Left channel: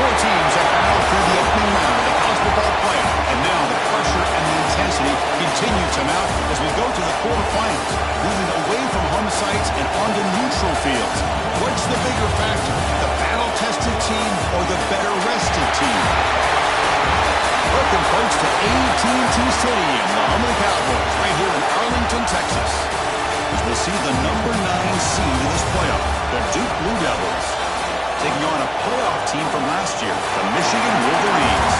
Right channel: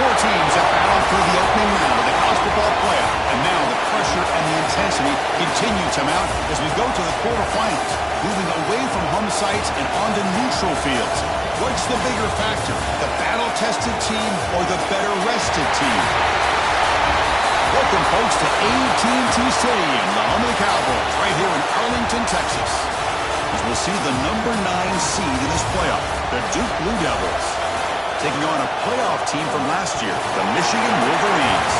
Four teams that battle for the opening round of the college football playoff. And now the pressure and the intensity continue to mount as we go to the quarterfinals, moving away from home sites and onto neutral fields. What's the bigger factor, the battle-tested team or the better-rested team? Welcome, folks, to AT&T Stadium, the home of the Cowboys, right here in Arlington, Texas. As we'll see the number 9 seed in this playoff, the Duke Blue Devils, taking on a playoff team from last year, the Michigan Wolverines.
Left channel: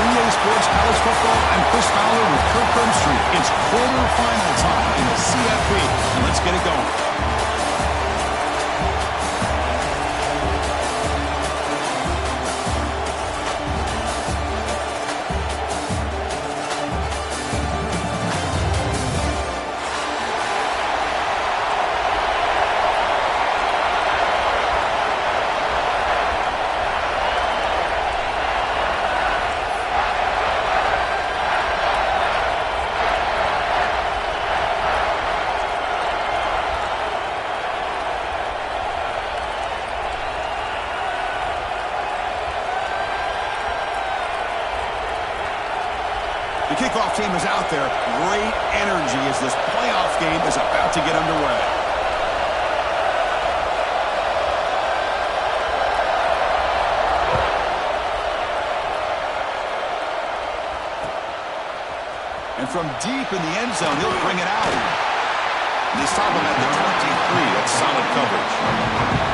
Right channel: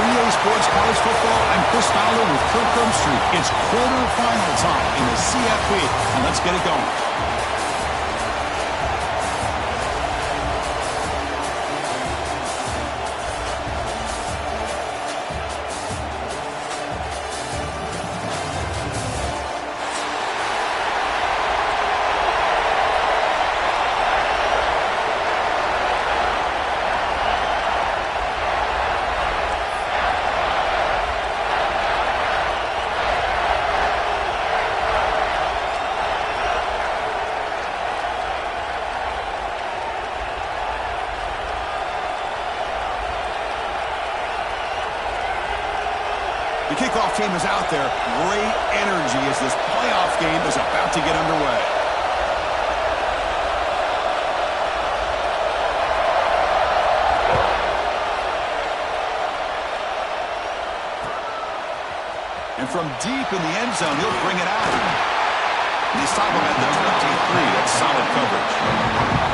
3A Sports College Football, I'm Chris Fowler with Kirk Street. It's quarterfinal time in the CFB, and let's get it going. The kickoff team is out there. Great energy as this playoff game is about to get underway. And from deep in the end zone, he'll bring it out. And they stop him at the 23. That's solid coverage.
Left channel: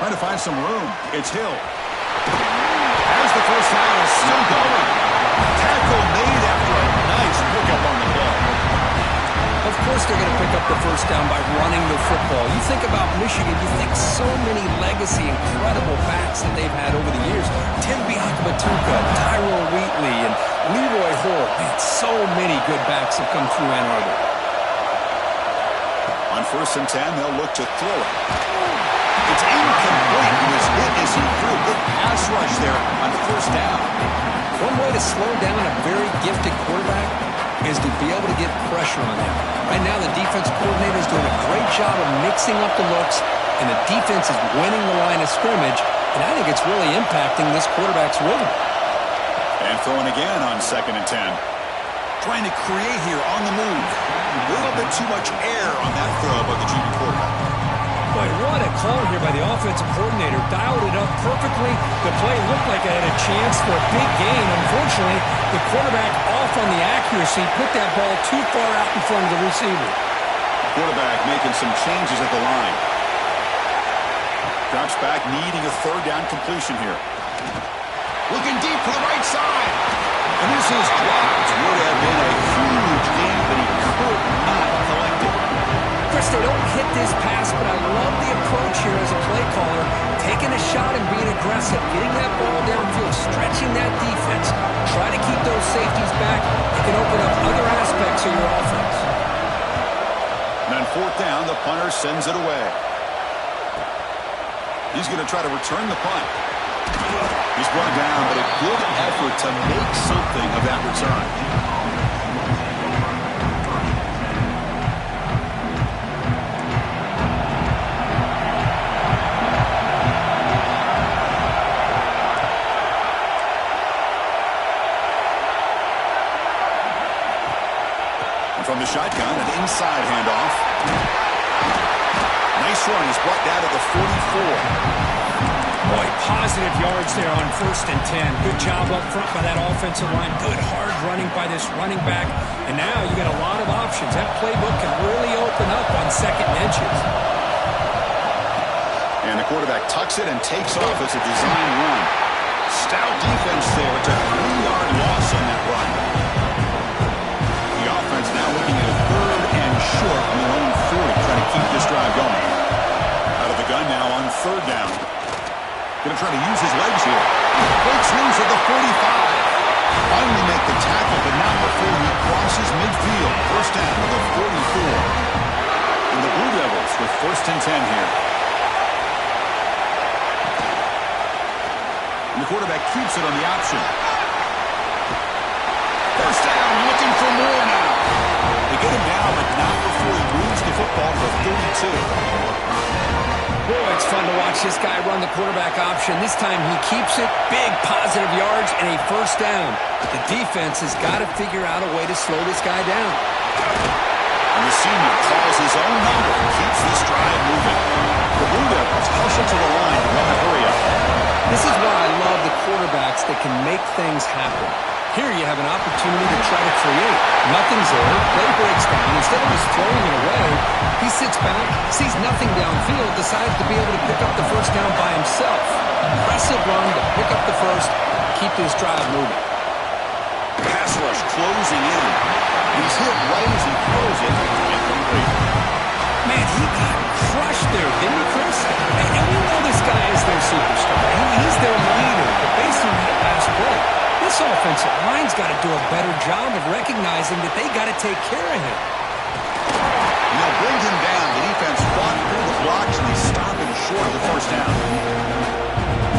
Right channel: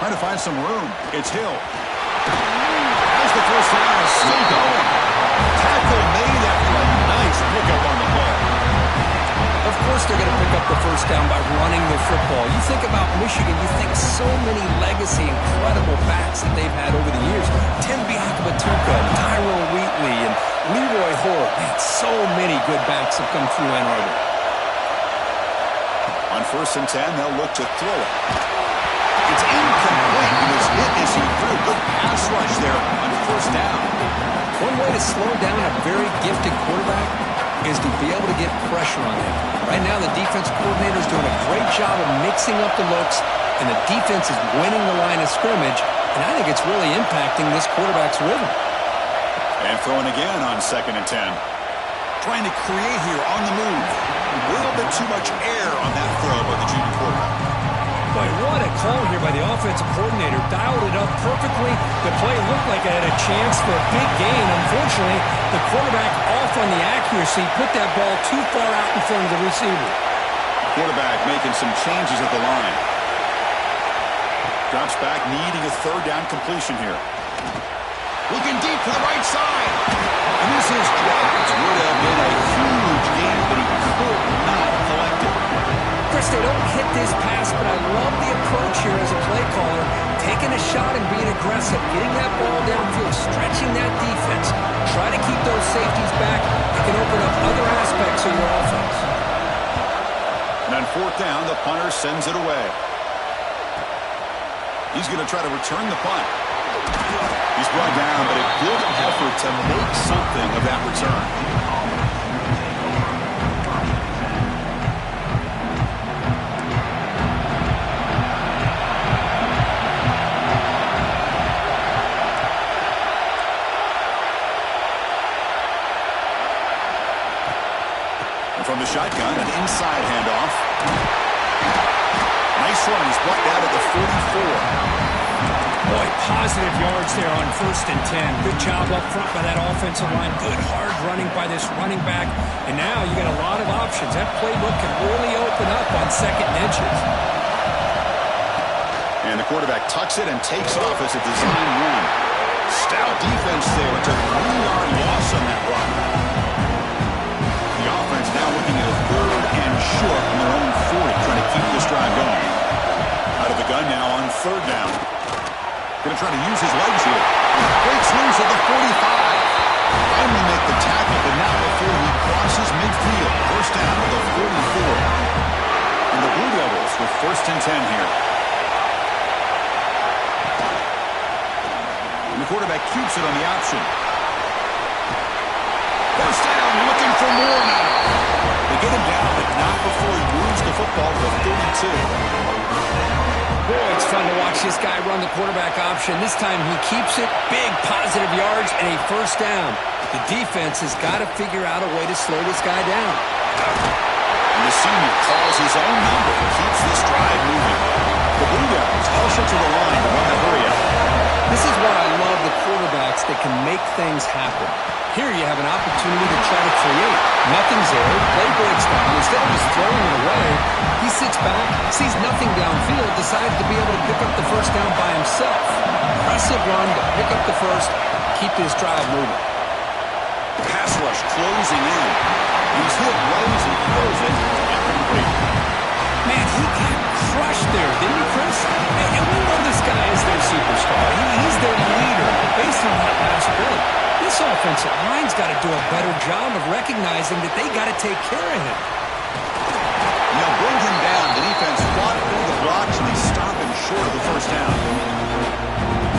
Trying to find some room. It's Hill. As the first down is still going. Tackle made after a nice pickup on the play. Of course they're going to pick up the first down by running the football. You think about Michigan, you think so many legacy, incredible backs that they've had over the years. Tim Biakabatuka, Tyrone Wheatley, and Leroy Hoare. Man, so many good backs have come through Ann Arbor. On 1st and 10, they'll look to throw it. It's incomplete. He was hit as he threw. Good pass rush there on 1st down. One way to slow down a very gifted quarterback is to be able to get pressure on him. Right now, the defense coordinator is doing a great job of mixing up the looks, and the defense is winning the line of scrimmage, and I think it's really impacting this quarterback's rhythm. And throwing again on 2nd and 10. Trying to create here on the move. A little bit too much air on that throw by the junior quarterback. Boy, what a call here by the offensive coordinator. Dialed it up perfectly. The play looked like it had a chance for a big gain. Unfortunately, the quarterback off on the accuracy, put that ball too far out in front of the receiver. Quarterback making some changes at the line. Drops back, needing a 3rd down completion here. Looking deep to the right side. And this is dropped. Would have been a huge gain, but he could not collect it. Chris, they don't hit this pass, but I love the approach here as a play caller. Taking a shot and being aggressive, getting that ball downfield, stretching that defense. Try to keep those safeties back. It can open up other aspects of your offense. And on 4th down, the punter sends it away. He's going to try to return the punt. He's brought down, but a good effort to make something of that return. From the shotgun, an inside handoff. Nice run. He's brought down to the 44. Boy, positive yards there on 1st and 10. Good job up front by that offensive line. Good hard running by this running back. And now you got a lot of options. That playbook can really open up on 2nd and inches. And the quarterback tucks it and takes off as a design run. Stout defense there. It's a 3-yard loss on that run. The offense now looking at a 3rd and short on their own 40, trying to keep this drive going. Out of the gun now on 3rd down. Going to try to use his legs here. Breaks loose at the 45. Finally make the tackle, but not before he crosses midfield. First down to the 44. And the Blue Devils with 1st and 10 here. And the quarterback keeps it on the option. First down, looking for more now. They get him down, but not before he moves the football to the 32. Boy, it's fun to watch this guy run the quarterback option. This time he keeps it, big positive yards, and a first down. The defense has got to figure out a way to slow this guy down. And the senior calls his own number and keeps this drive moving. The Blue Devils hustle to the line to run the hurry-up. This is why I love the quarterbacks that can make things happen. Here you have an opportunity to try to create. Nothing's there. Play breaks down. Instead of just throwing it away, he sits back, sees nothing downfield, decides to be able to pick up the first down by himself. Impressive run to pick up the first, keep this drive moving. Pass rush closing in. He's hit right as he throws it. Incomplete. Man, he got crushed there, didn't he, Chris? And we know this guy is their superstar. He's their leader. But based on that last play, this offensive line's got to do a better job of recognizing that they got to take care of him. They'll bring him down. The defense fought through the blocks, and they stop him short of the first down.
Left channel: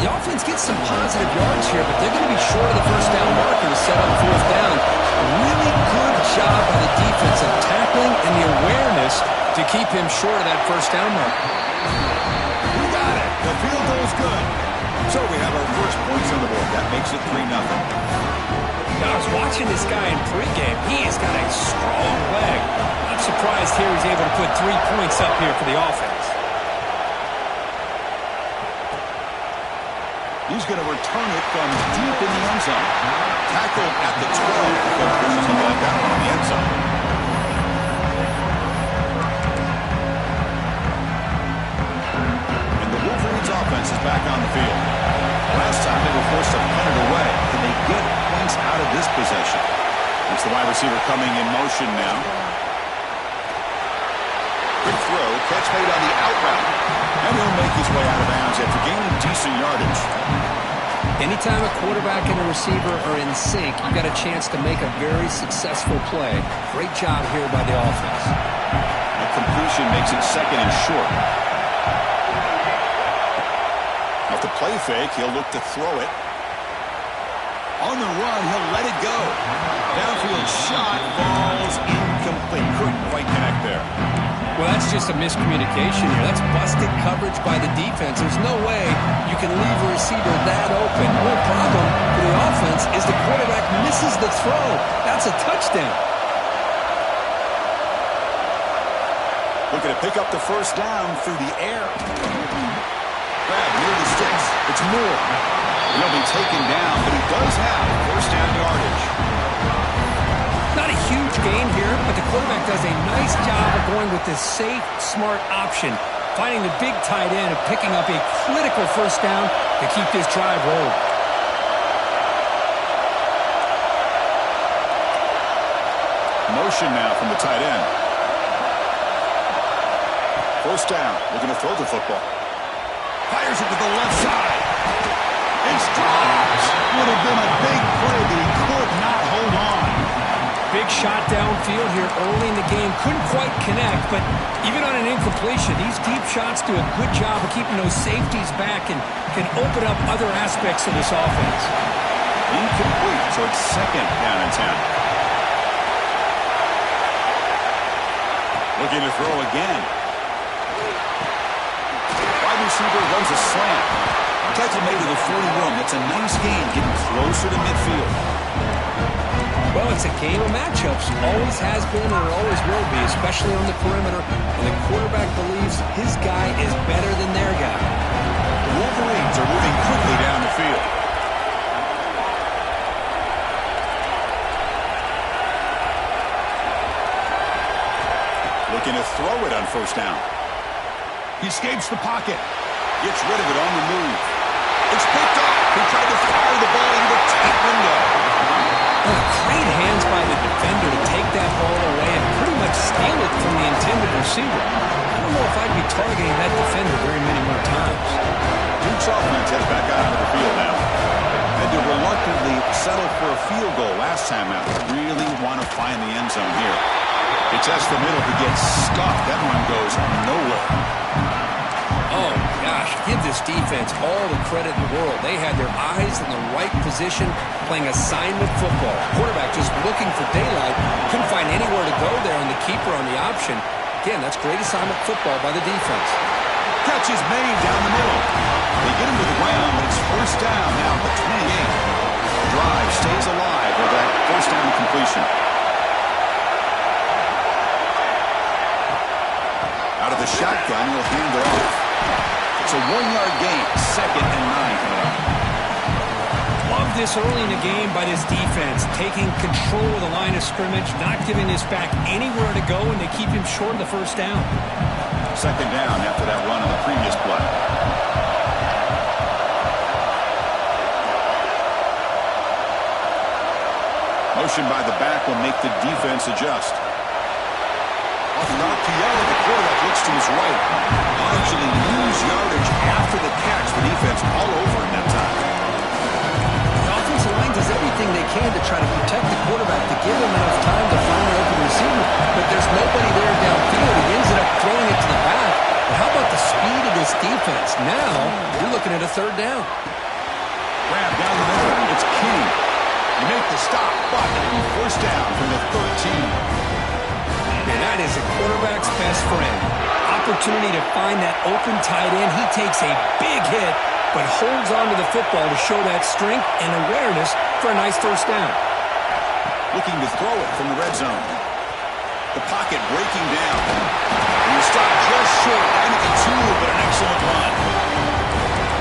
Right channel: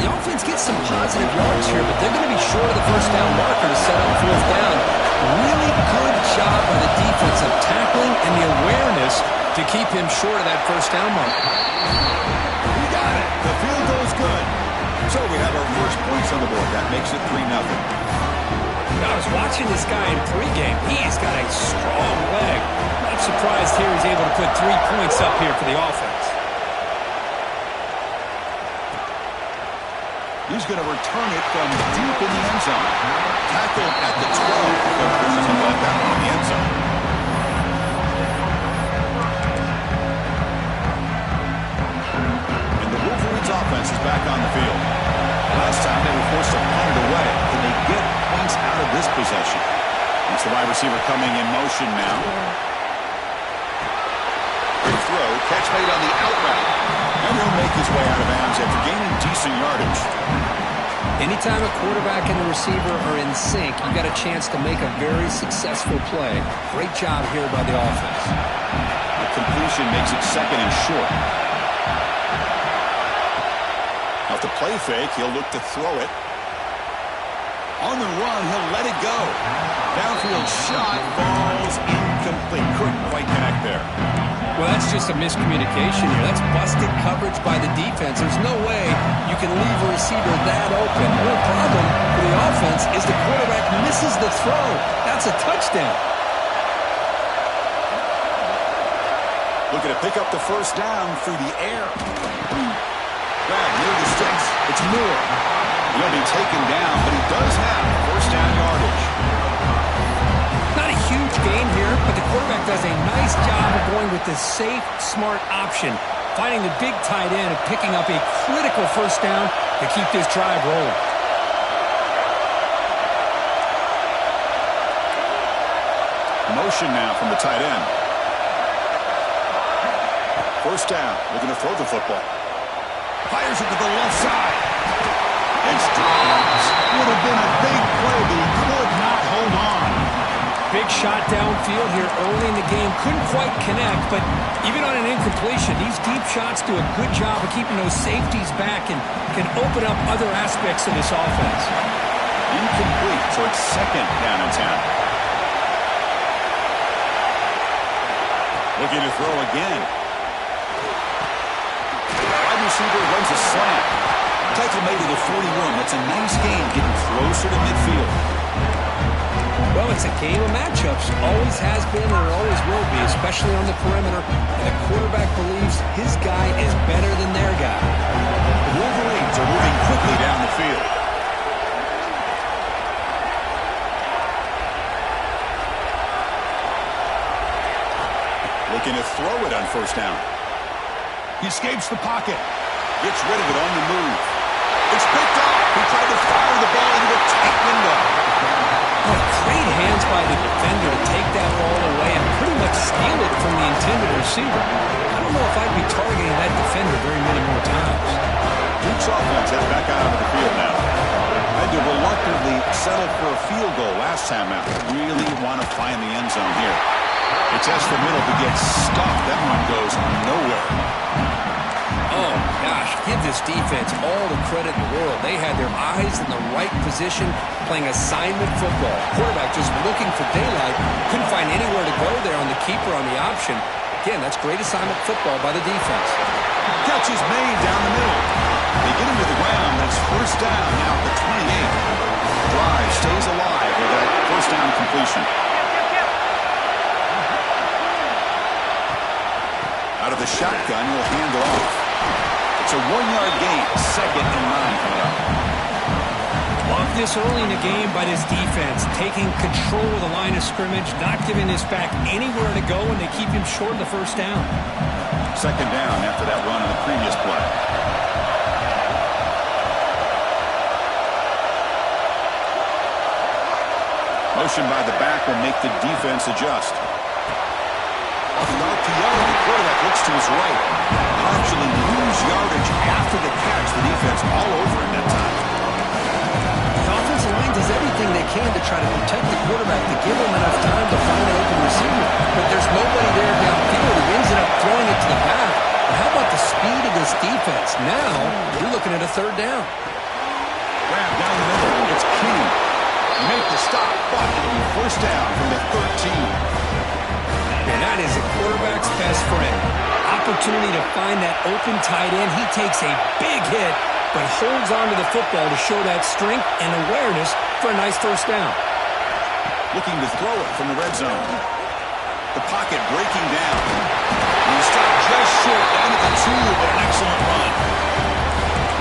The offense gets some positive yards here, but they're going to be short of the first down marker to set up 4th down. Really good job by the defense of tackling and the awareness to keep him short of that first down marker. He got it. The field goes good. So we have our first points on the board. That makes it 3-0. I was watching this guy in pregame. He's got a strong leg. Not surprised here he's able to put 3 points up here for the offense. He's going to return it from deep in the end zone. Tackled at the 12. Coach pushes him back out in the end zone. And the Wolverines offense is back on the field. Last time they were forced to punt it away. Can they get points out of this possession? It's the wide receiver coming in motion now. Quick throw, catch made on the out route. And he'll make his way out of bounds after gaining decent yardage. Anytime a quarterback and a receiver are in sync, you got a chance to make a very successful play. Great job here by the offense. The completion makes it 2nd and short. Off the play fake, he'll look to throw it. On the run, he'll let it go. Downfield shot falls incomplete. Couldn't quite connect there. Well, that's just a miscommunication here. That's busted coverage by the defense. There's no way you can leave a receiver that open. The problem for the offense is the quarterback misses the throw. That's a touchdown. Looking to pick up the first down through the air. Grab near the sticks. It's Moore. He'll be taken down, but he does have first down yardage. Not a huge gain here, but the quarterback does a nice job of going with the safe, smart option, finding the big tight end and picking up a critical first down to keep this drive rolling. Motion now from the tight end. First down, looking to throw the football. Fires it to the left side. It's dropped. Would have been a big play, but he could not hold on. Big shot downfield here early in the game. Couldn't quite connect, but even on an incompletion, these deep shots do a good job of keeping those safeties back and can open up other aspects of this offense. Incomplete, so it's 2nd down and 10. Looking to throw again. Wide receiver runs a slant. Tackle made to the 41. That's a nice gain, getting closer to midfield. Well, it's a game of matchups. Always has been and it always will be, especially on the perimeter. And the quarterback believes his guy is better than their guy. The Wolverines are moving quickly down the field. Looking to throw it on first down. He escapes the pocket. Gets rid of it on the move. It's picked off. He tried to fire the ball into the tight window. Oh, great hands by the defender to take that ball away and pretty much steal it from the intended receiver. I don't know if I'd be targeting that defender very many more times. Duke's offense heads back out onto the field now. Had to reluctantly settle for a field goal last time out. Really want to find the end zone here. He tests the middle to get stuffed. That one goes nowhere. Oh, gosh, give this defense all the credit in the world. They had their eyes in the right position, playing assignment football. Quarterback just looking for daylight. Couldn't find anywhere to go there on the keeper on the option. Again, that's great assignment football by the defense. Catch is made down the middle. They get him to the ground, but it's first down now at the 28. The drive stays alive with that first down completion. Out of the shotgun, he'll hand it off. It's a 1-yard gain, 2nd and 9 coming up. Love this early in the game by this defense, taking control of the line of scrimmage, not giving this back anywhere to go, and they keep him short of the first down. 2nd down after that run on the previous play. Motion by the back will make the defense adjust. Off the RPO, the quarterback looks to his right. He'll actually lose yardage after the catch. The defense all over him that time. The offensive line does everything they can to try to protect the quarterback, to give him enough time to find an open receiver. But there's nobody there downfield. He ends up throwing it to the back. But how about the speed of this defense? Now, you're looking at a 3rd down. Grab down the middle. It's King. You make the stop, but it'll be first down from the 13. And that is a quarterback's best friend. Opportunity to find that open tight end. He takes a big hit, but holds on to the football to show that strength and awareness for a nice first down. Looking to throw it from the red zone. The pocket breaking down. And he stopped just short, down at the 2, but an excellent run.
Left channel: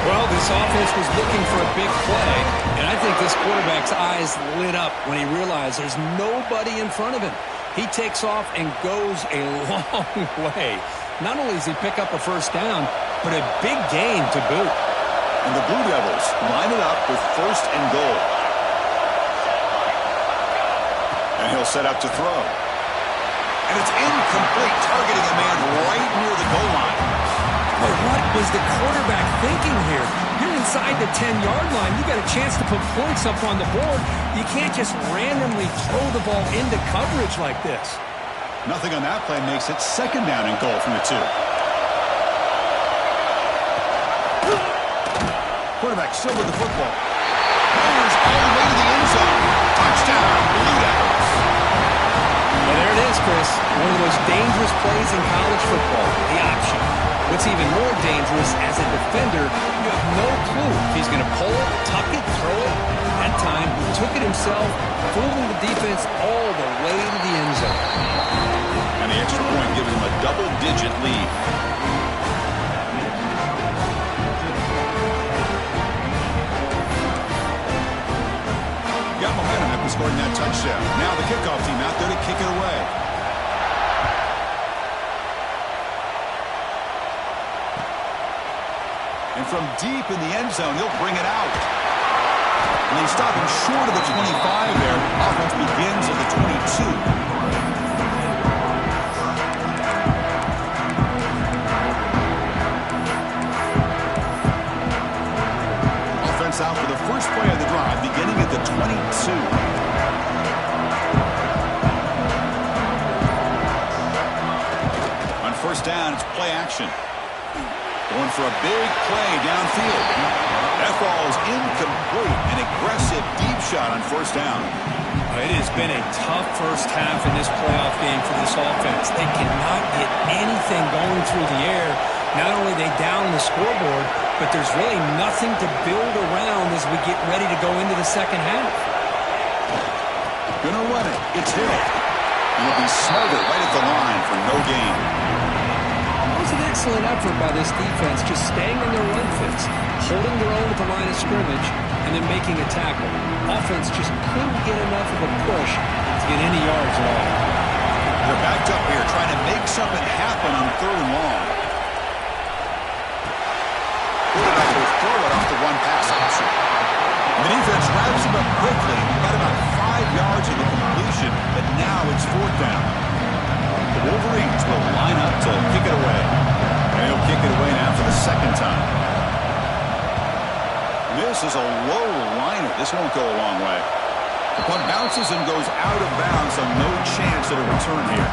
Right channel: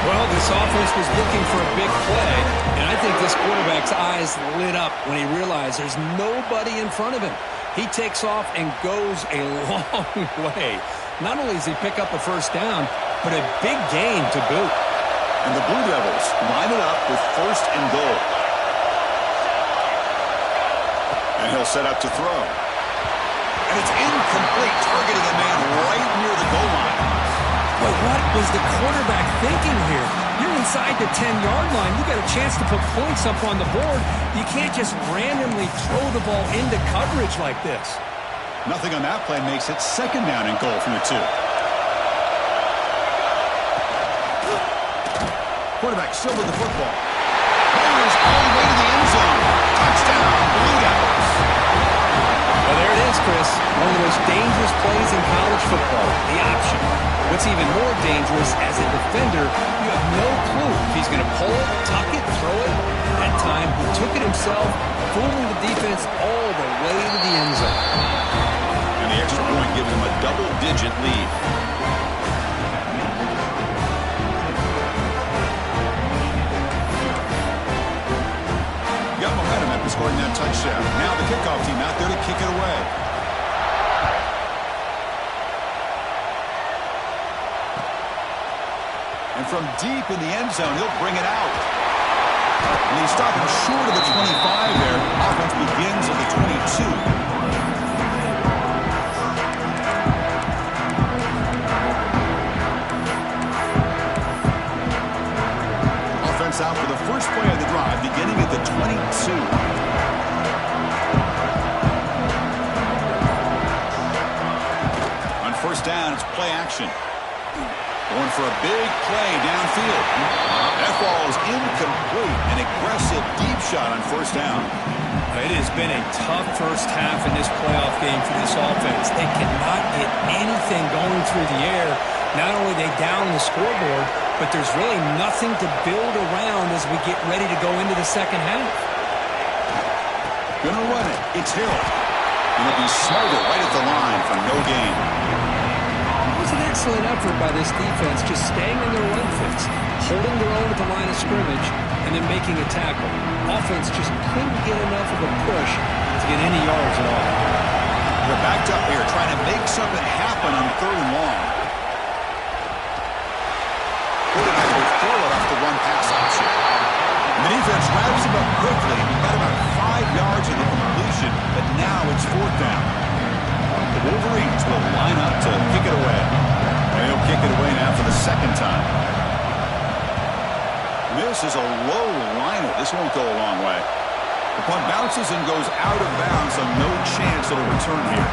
Well, this offense was looking for a big play, and I think this quarterback's eyes lit up when he realized there's nobody in front of him. He takes off and goes a long way. Not only does he pick up a first down, but a big gain to boot. And the Blue Devils line it up with 1st and goal. And he'll set up to throw. And it's incomplete, targeting a man right near the goal line. But what was the quarterback thinking here? You're inside the 10-yard line. You got a chance to put points up on the board. You can't just randomly throw the ball into coverage like this. Nothing on that play makes it 2nd down and goal from the 2. Quarterback still with the football. Fires all the way to the end zone. Touchdown, Blue Devils. Well, there it is, Chris. One of the most dangerous plays in college football, the option. What's even more dangerous, as a defender, you have no clue if he's going to pull it, tuck it, throw it. That time, he took it himself, fooling the defense all the way to the end zone. And the extra point gives him a double-digit lead. Got momentum after scoring that touchdown. Now the kickoff team out there to kick it away. And from deep in the end zone, he'll bring it out. And they stop him short of the 25 there. Offense begins at the 22. Offense out for the first play of the drive, beginning at the 22. On first down, it's play action. Going for a big play downfield. That ball is incomplete. An aggressive deep shot on first down. It has been a tough first half in this playoff game for this offense. They cannot get anything going through the air. Not only are they down the scoreboard, but there's really nothing to build around as we get ready to go into the second half. Gonna run it. It's Hill. And he'll be smarter right at the line for no gain. It was an excellent effort by this defense, just staying in their run fits, holding their own at the line of scrimmage, and then making a tackle. Offense just couldn't get enough of a push to get any yards at all. They're backed up here trying to make something happen on 3rd and long. Quarterback will throw it off the one-pass option. And the defense wraps him up quickly. He got about 5 yards of the completion, but now it's 4th down. The Wolverines will line up to kick it away. And he'll kick it away now for the 2nd time. This is a low liner. This won't go a long way. The punt bounces and goes out of bounds, so no chance at a return here.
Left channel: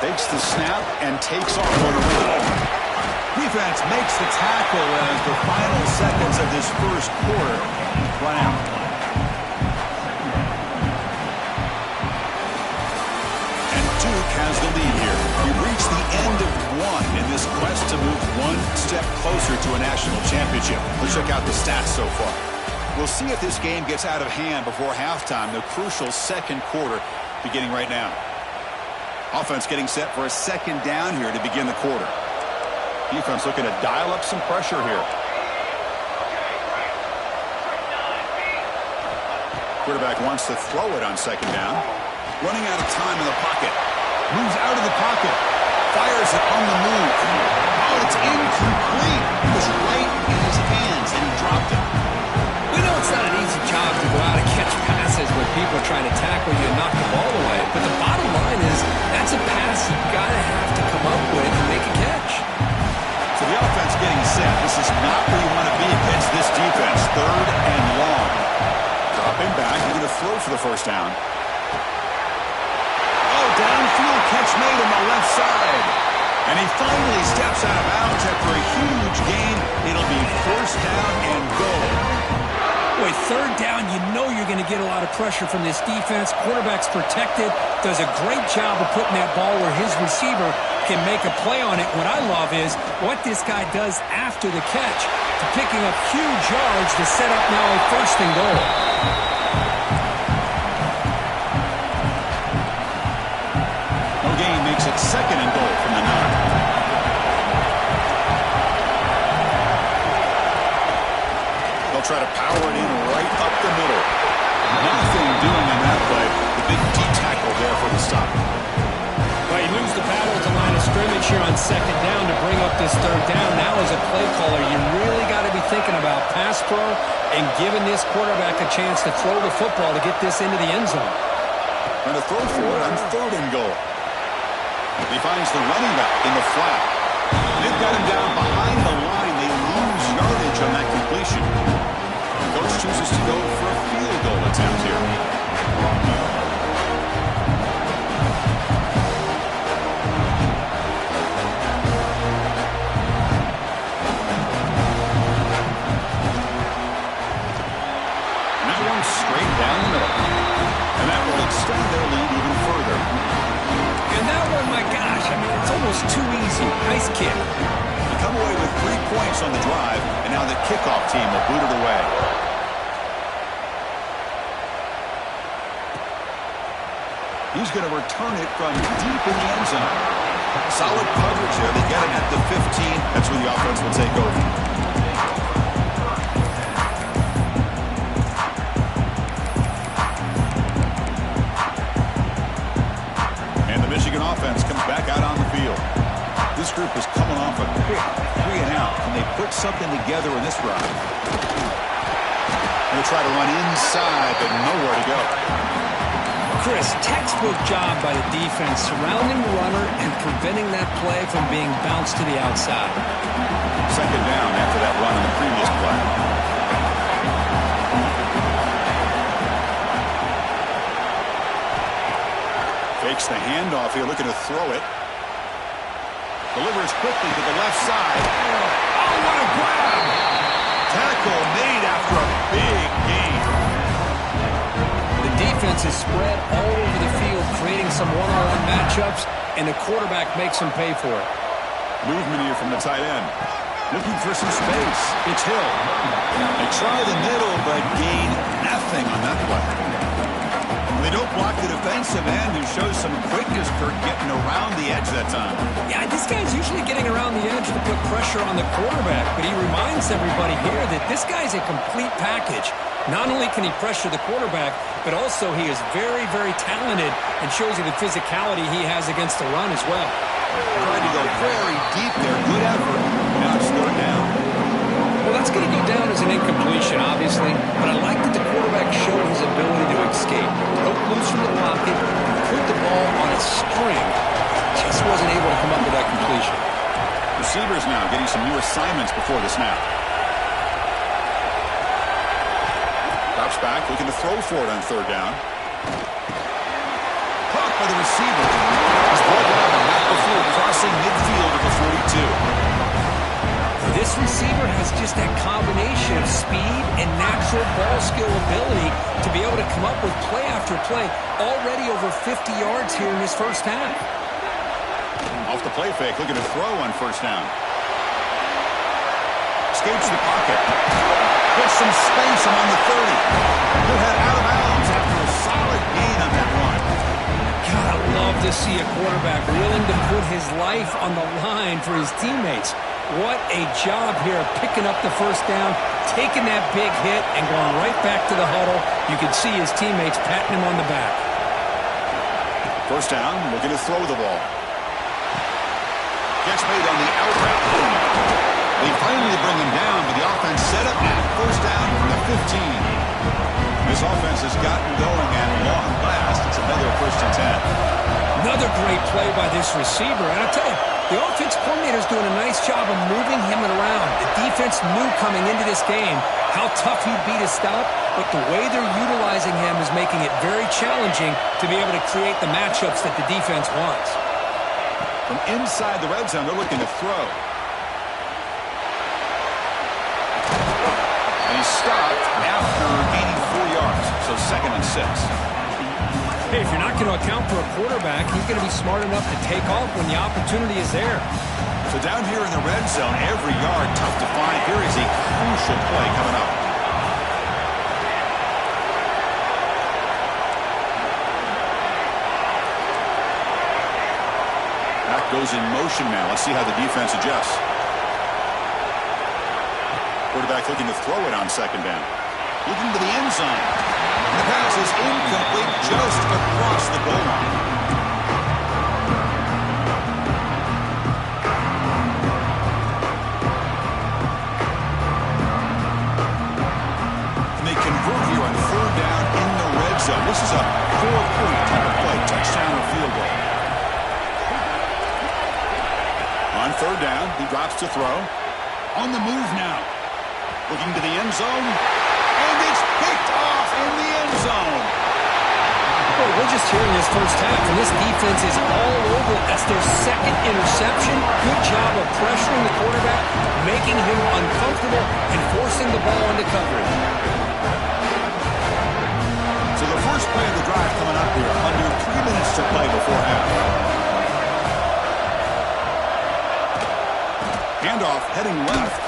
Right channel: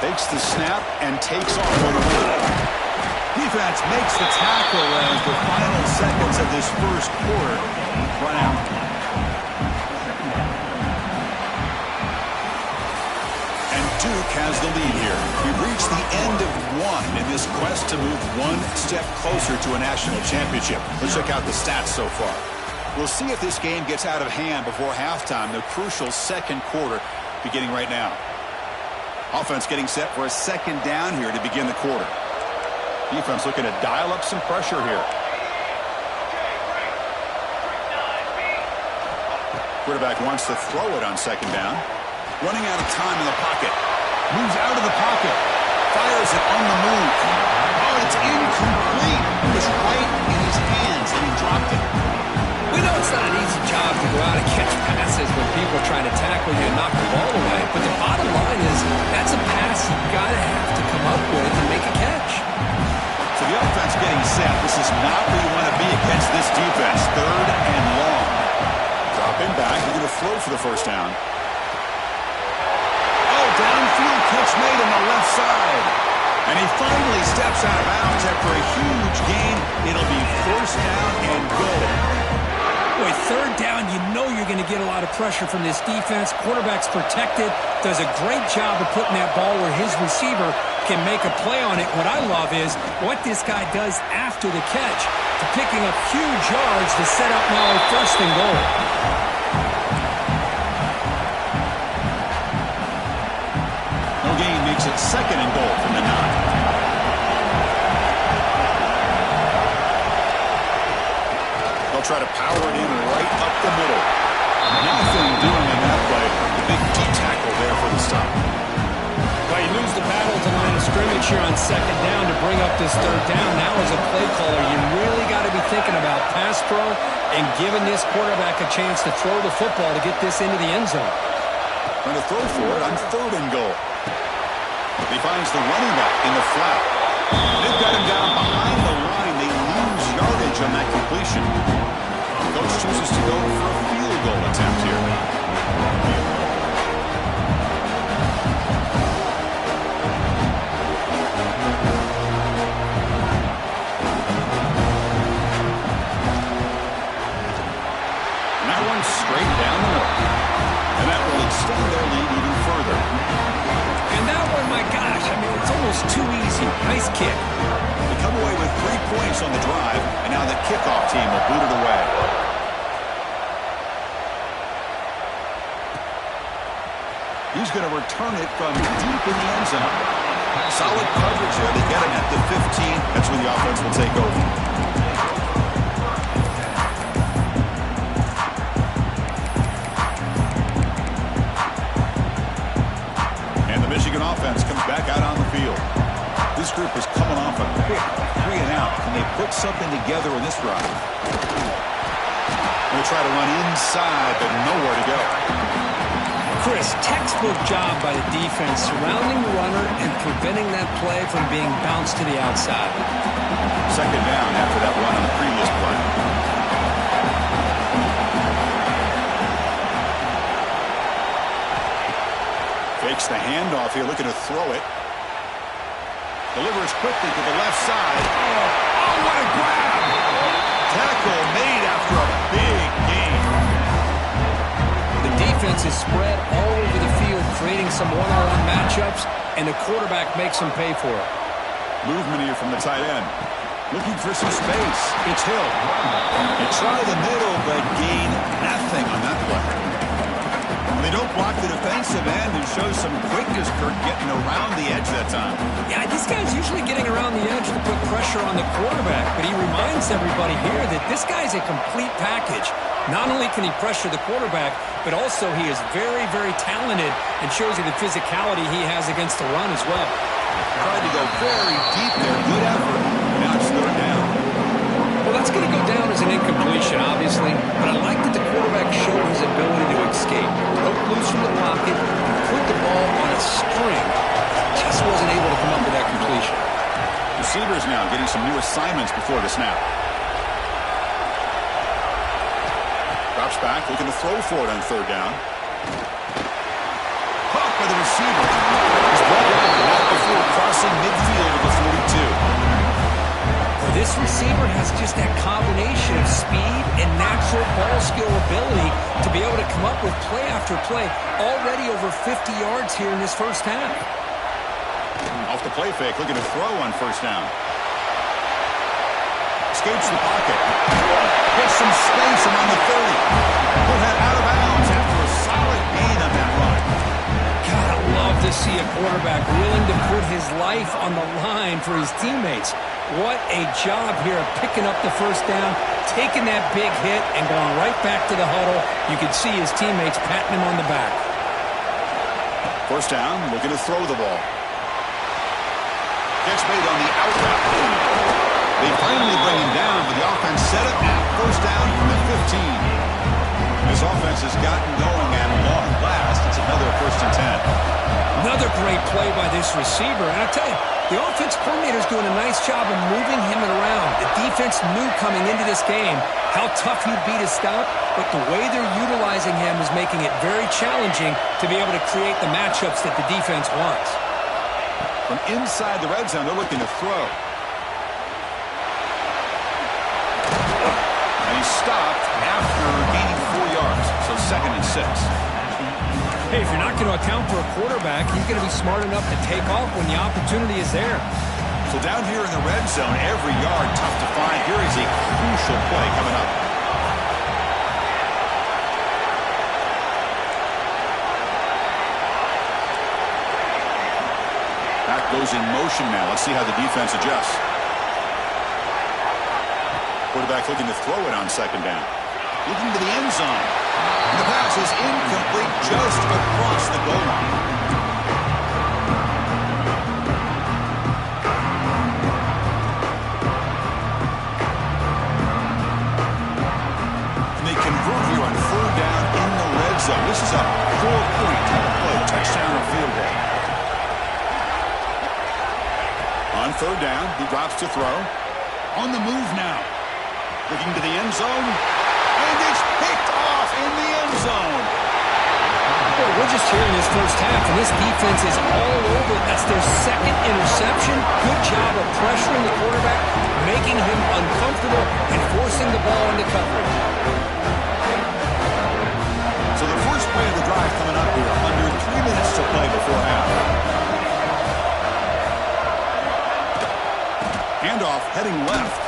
Takes the snap and takes off on the run. Defense makes the tackle as the final seconds of this first quarter run out. And Duke has the lead here. We've reached the end of one in this quest to move one step closer to a national championship. Let's check out the stats so far. We'll see if this game gets out of hand before halftime, the crucial second quarter beginning right now. Offense getting set for a second down here to begin the quarter. Defense looking to dial up some pressure here. Quarterback wants to throw it on second down. Running out of time in the pocket. Moves out of the pocket. Fires it on the move. Oh, it's incomplete. It was right in his hands, and he dropped it. We know it's not an easy job to go out and catch passes when people are trying to tackle you and knock the ball away. But the bottom line is that's a pass you've got to have to come up with and make a catch. So the offense getting set. This is not where you want to be against this defense. Third and long. Dropping back. You're going to throw for the first down. Oh, downfield catch made on the left side. And he finally steps out of bounds after a huge gain. It'll be first down and goal. Boy, third down, you know you're going to get a lot of pressure from this defense. Quarterback's protected, does a great job of putting that ball where his receiver can make a play on it. What I love is what this guy does after the catch to picking up huge yards to set up now a first and goal. No gain makes it second and goal from the 9. They'll try to power it in right up the middle. Nothing doing on that play. The big D-tackle there for the stop. Well, you lose the battle to line of scrimmage here on second down to bring up this third down. Now as a play caller, you really got to be thinking about pass pro and giving this quarterback a chance to throw the football to get this into the end zone. Trying to throw for it on third and goal. He finds the running back in the flat. They've got him down behind the line. They lose yardage on that completion. The coach chooses to go for a field goal attempt here. And that one's straight down the middle. And that will extend their lead even further. And that one, my gosh, I mean, it's almost too easy. Nice kick. They come away with 3 points on the drive, and now the kickoff team will boot it away. He's going to return it from deep in the end zone. Solid coverage there. They get him at the 15. That's where the offense will take over. Michigan offense comes back out on the field. This group is coming off a quick 3 and out. Can they put something together in this drive? Going to try to run inside, but nowhere to go. Chris, textbook job by the defense surrounding the runner and preventing that play from being bounced to the outside. Second down after that run on the previous play. Fakes the handoff here, looking to throw it. Delivers quickly to the left side. Oh, what a grab! Tackle made after a big gain. The defense is spread all over the field, creating some one-on-one matchups, and the quarterback makes them pay for it. Movement here from the tight end. Looking for some space. It's Hill. They try the middle, but gain nothing on that play. They don't block the defensive end, who shows some quickness, Kirk, getting around the edge that time. Yeah, this guy's usually getting around the edge to put pressure on the quarterback, but he reminds everybody here that this guy's a complete package. Not only can he pressure the quarterback, but also he is very, very talented and shows you the physicality he has against the run as well. Tried to go very deep there. Good effort. Now it's third down. Well, That's going to go down as an incompletion, obviously, but I like that the quarterback showed his ability to escape. Broke loose from the pocket and put the ball on a string. Just wasn't able to come up with that completion. Receivers now getting some new assignments before the snap. Drops back, looking to throw for it on third down. Caught by the receiver. He's brought down and not before crossing midfield of the 42. This receiver has just that combination of speed and natural ball skill ability to be able to come up with play after play. Already over 50 yards here in this first half. Off the play fake, looking to throw on first down. Escapes the pocket. Gets some space around the 30. He'll head out of bounds after a solid gain on that run. God, I love to see a quarterback willing to put his life on the line for his teammates. What a job here of picking up the first down, taking that big hit, and going right back to the huddle. You can see his teammates patting him on the back. First down, looking to throw the ball. Catch made on the out route. They finally bring him down, but the offense set up now. First down from the 15. This offense has gotten going at long last. It's another 1st and 10. Another great play by this receiver. And I tell you, the offense coordinator is doing a nice job of moving him around. The defense knew coming into this game how tough he'd be to stop, but the way they're utilizing him is making it very challenging to be able to create the matchups that the defense wants. From inside the red zone, they're looking to throw. And he's stopped after gaining 4 yards, so 2nd and 6. Hey, if you're not going to account for a quarterback, he's going to be smart enough to take off when the opportunity is there. So down here in the red zone, every yard tough to find. Here is a crucial play coming up. Back goes in motion now. Let's see how the defense adjusts. Quarterback looking to throw it on 2nd down. Looking to the end zone. The pass is incomplete just across the goal line. And they convert here on 3rd down in the red zone. This is a 4-point type of play, touchdown or field goal. On 3rd down, he drops to throw. On the move now. Looking to the end zone. And it's picked off in the end zone. Well, we're just here in this first half, and this defense is all over it. That's their 2nd interception. Good job of pressuring the quarterback, making him uncomfortable, and forcing the ball into coverage. So the first play of the drive coming up here. Under 3 minutes to play before half. Handoff heading left.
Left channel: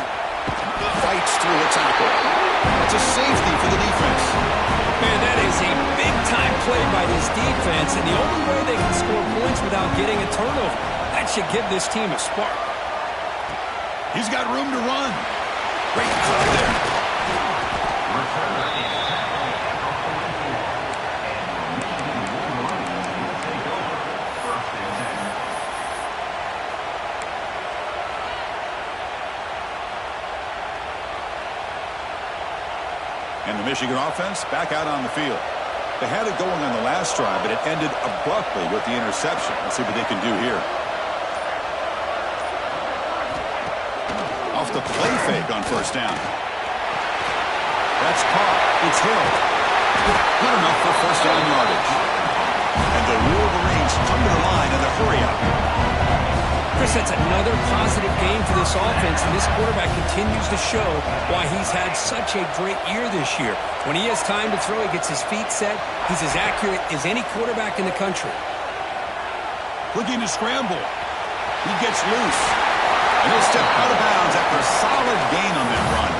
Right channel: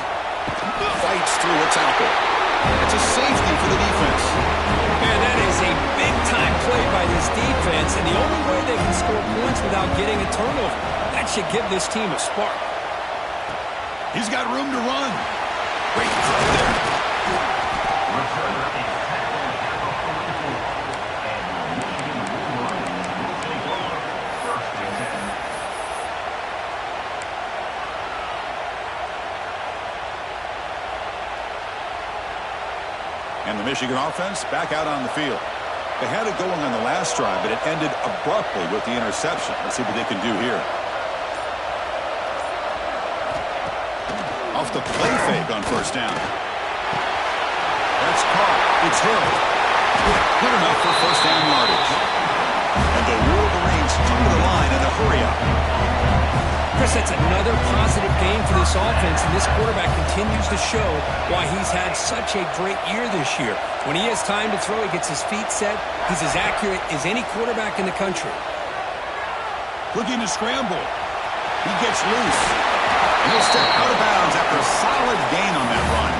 Fights through a tackle. It's a safety for the defense. Man, that is a big-time play by this defense, and the only way they can score points without getting a turnover. That should give this team a spark. He's got room to run. Great play there. And the Michigan offense back out on the field. They had it going on the last drive, but it ended abruptly with the interception. Let's see what they can do here. Off the play fake on 1st down. That's caught. It's held. Good enough for 1st down yardage. And the Wolverines come to the line in the hurry up. Chris, that's another positive game for this offense, and this quarterback continues to show why he's had such a great year this year. When he has time to throw, he gets his feet set. He's as accurate as any quarterback in the country. Looking to scramble. He gets loose. And he'll step out of bounds after a solid gain on that run.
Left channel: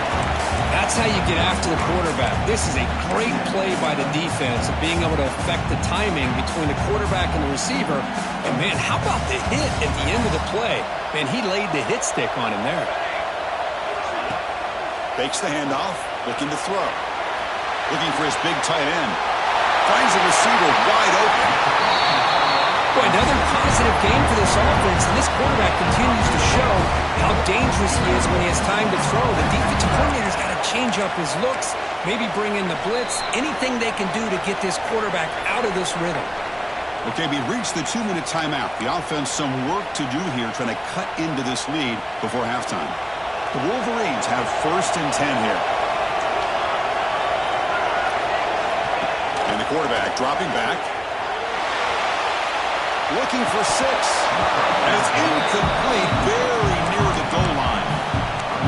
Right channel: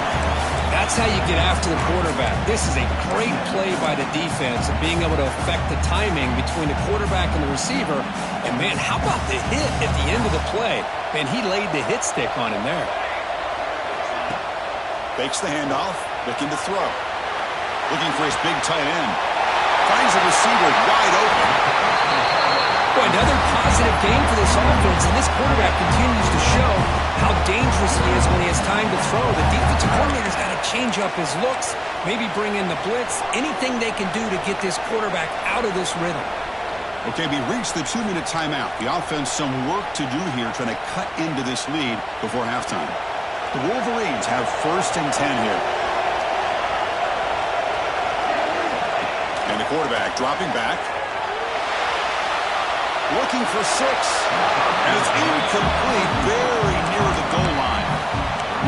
That's how you get after the quarterback. This is a great play by the defense of being able to affect the timing between the quarterback and the receiver. And, man, how about the hit at the end of the play? Man, he laid the hit stick on him there. Fakes the handoff, looking to throw. Looking for his big tight end. Finds the receiver wide open. Boy, another positive positive game for this offense, and this quarterback continues to show how dangerous he is when he has time to throw. The defensive coordinator's got to change up his looks, maybe bring in the blitz, anything they can do to get this quarterback out of this rhythm. Okay, we reached the 2-minute timeout. The offense some work to do here, trying to cut into this lead before halftime. The Wolverines have 1st and 10 here. And the quarterback dropping back. Looking for 6. And it's incomplete, very near the goal line.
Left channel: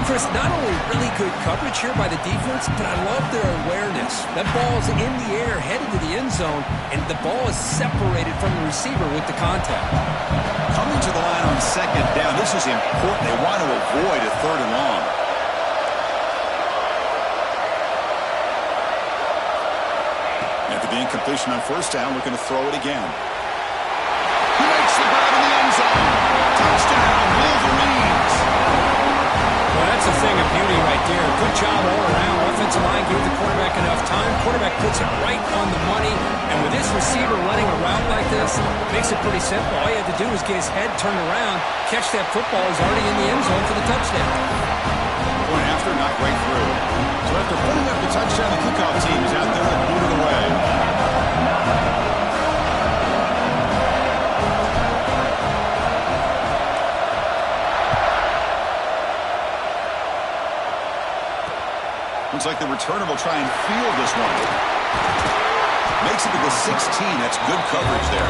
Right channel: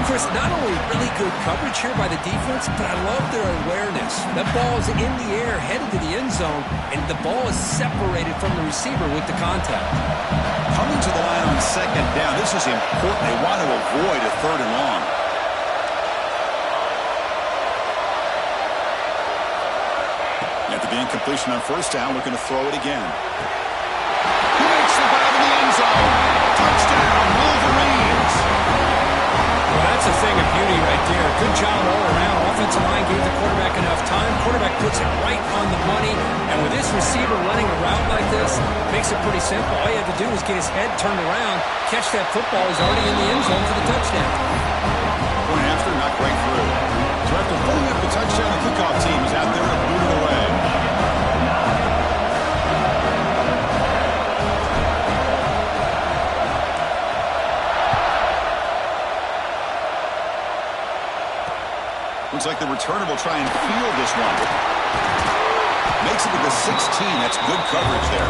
Chris, not only really good coverage here by the defense, but I love their awareness. That ball is in the air, headed to the end zone, and the ball is separated from the receiver with the contact. Coming to the line on 2nd down, this is important. They want to avoid a 3rd and long. After the incompletion on 1st down, looking to throw it again. He makes the grab in the end zone. Touchdown, Wolverines. Well, that's a thing of beauty right there. Good job all around. Offensive line gave the quarterback enough time. Quarterback puts it right on the money. And with this receiver running a route like this, makes it pretty simple. All you have to do is get his head turned around, catch that football. He's already in the end zone for the touchdown. Point after, not great through. So after putting up the touchdown, the kickoff team is out there and booted away. Looks like the returner will try and field this one. Makes it to the 16. That's good coverage there.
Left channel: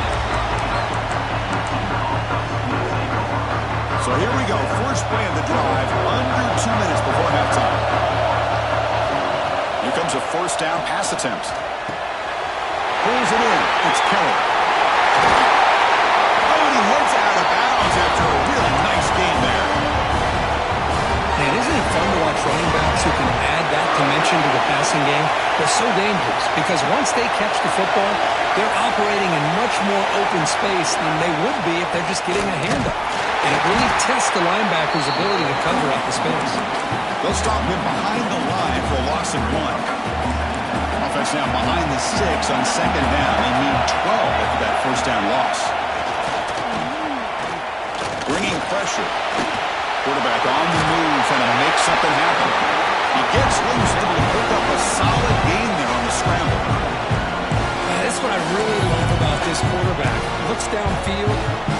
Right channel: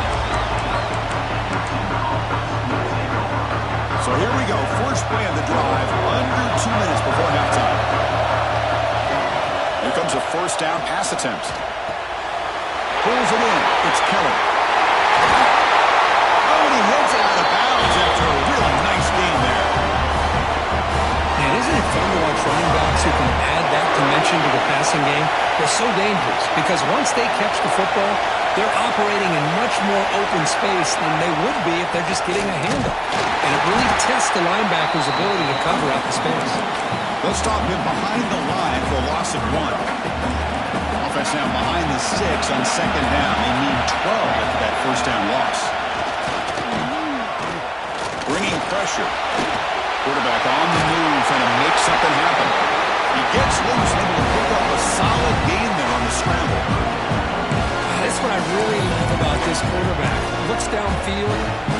So here we go. First play of the drive. Under 2 minutes before halftime. Here comes a 1st down pass attempt. Pulls it in. It's Kelly. Oh, and he heads out of bounds after a really nice game there. Man, isn't it fun to watch running backs who can add that dimension to the passing game? They're so dangerous because once they catch the football, they're operating in much more open space than they would be if they're just getting a handoff. And it really tests the linebacker's ability to cover out the space. They'll stop him behind the line for a loss of 1. Offense now behind the 6 on 2nd down. They need 12 after that 1st down loss. Bringing pressure. Quarterback on the move, trying to make something happen. He gets loose, able to pick up a solid gain there on the scramble. That's what I really love about this quarterback. Looks downfield,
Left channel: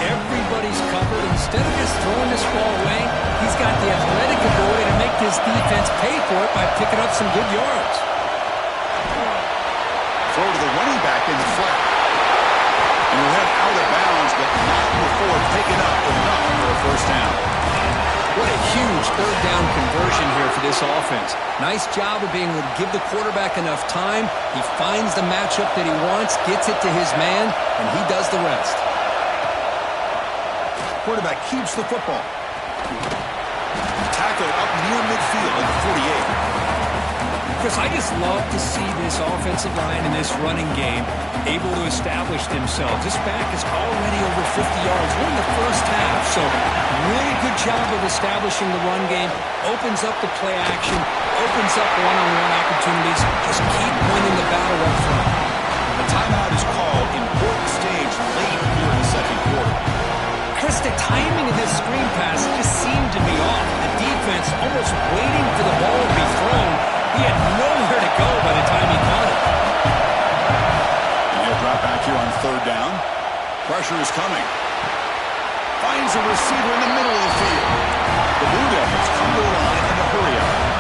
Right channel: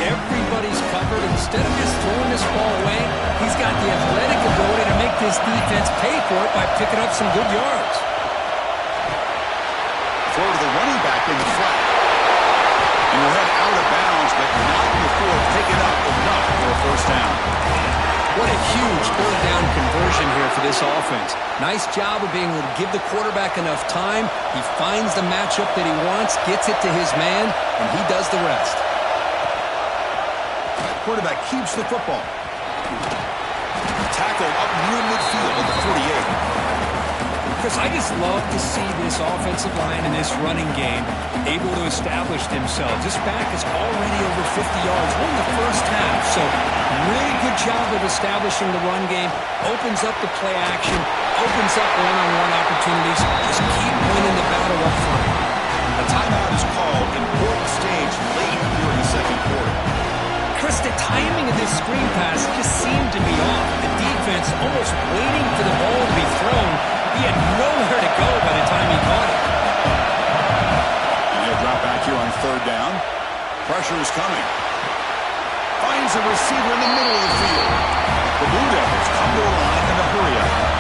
everybody's covered. Instead of just throwing this ball away, he's got the athletic ability to make this defense pay for it by picking up some good yards. Throw to the running back in the flat. And he'll head out of bounds, but not before picking up enough for a 1st down. What a huge 3rd down conversion here for this offense. Nice job of being able to give the quarterback enough time. He finds the matchup that he wants, gets it to his man, and he does the rest. Quarterback keeps the football. Tackled up near midfield at the 48. Chris, I just love to see this offensive line and this running game able to establish themselves. This back is already over 50 yards. We're in the 1st half, so really good job of establishing the run game. Opens up the play action, opens up one-on-one opportunities. Just keep winning the battle up front. A timeout is called. Important stage late here in the 2nd quarter. Chris, the timing of this screen pass just seemed to be off. The defense almost waiting for the ball to be thrown. He had nowhere to go by the time he caught it. And he'll drop back here on 3rd down. Pressure is coming. Finds a receiver in the middle of the field. The Blue Devils come to the line in the hurry up.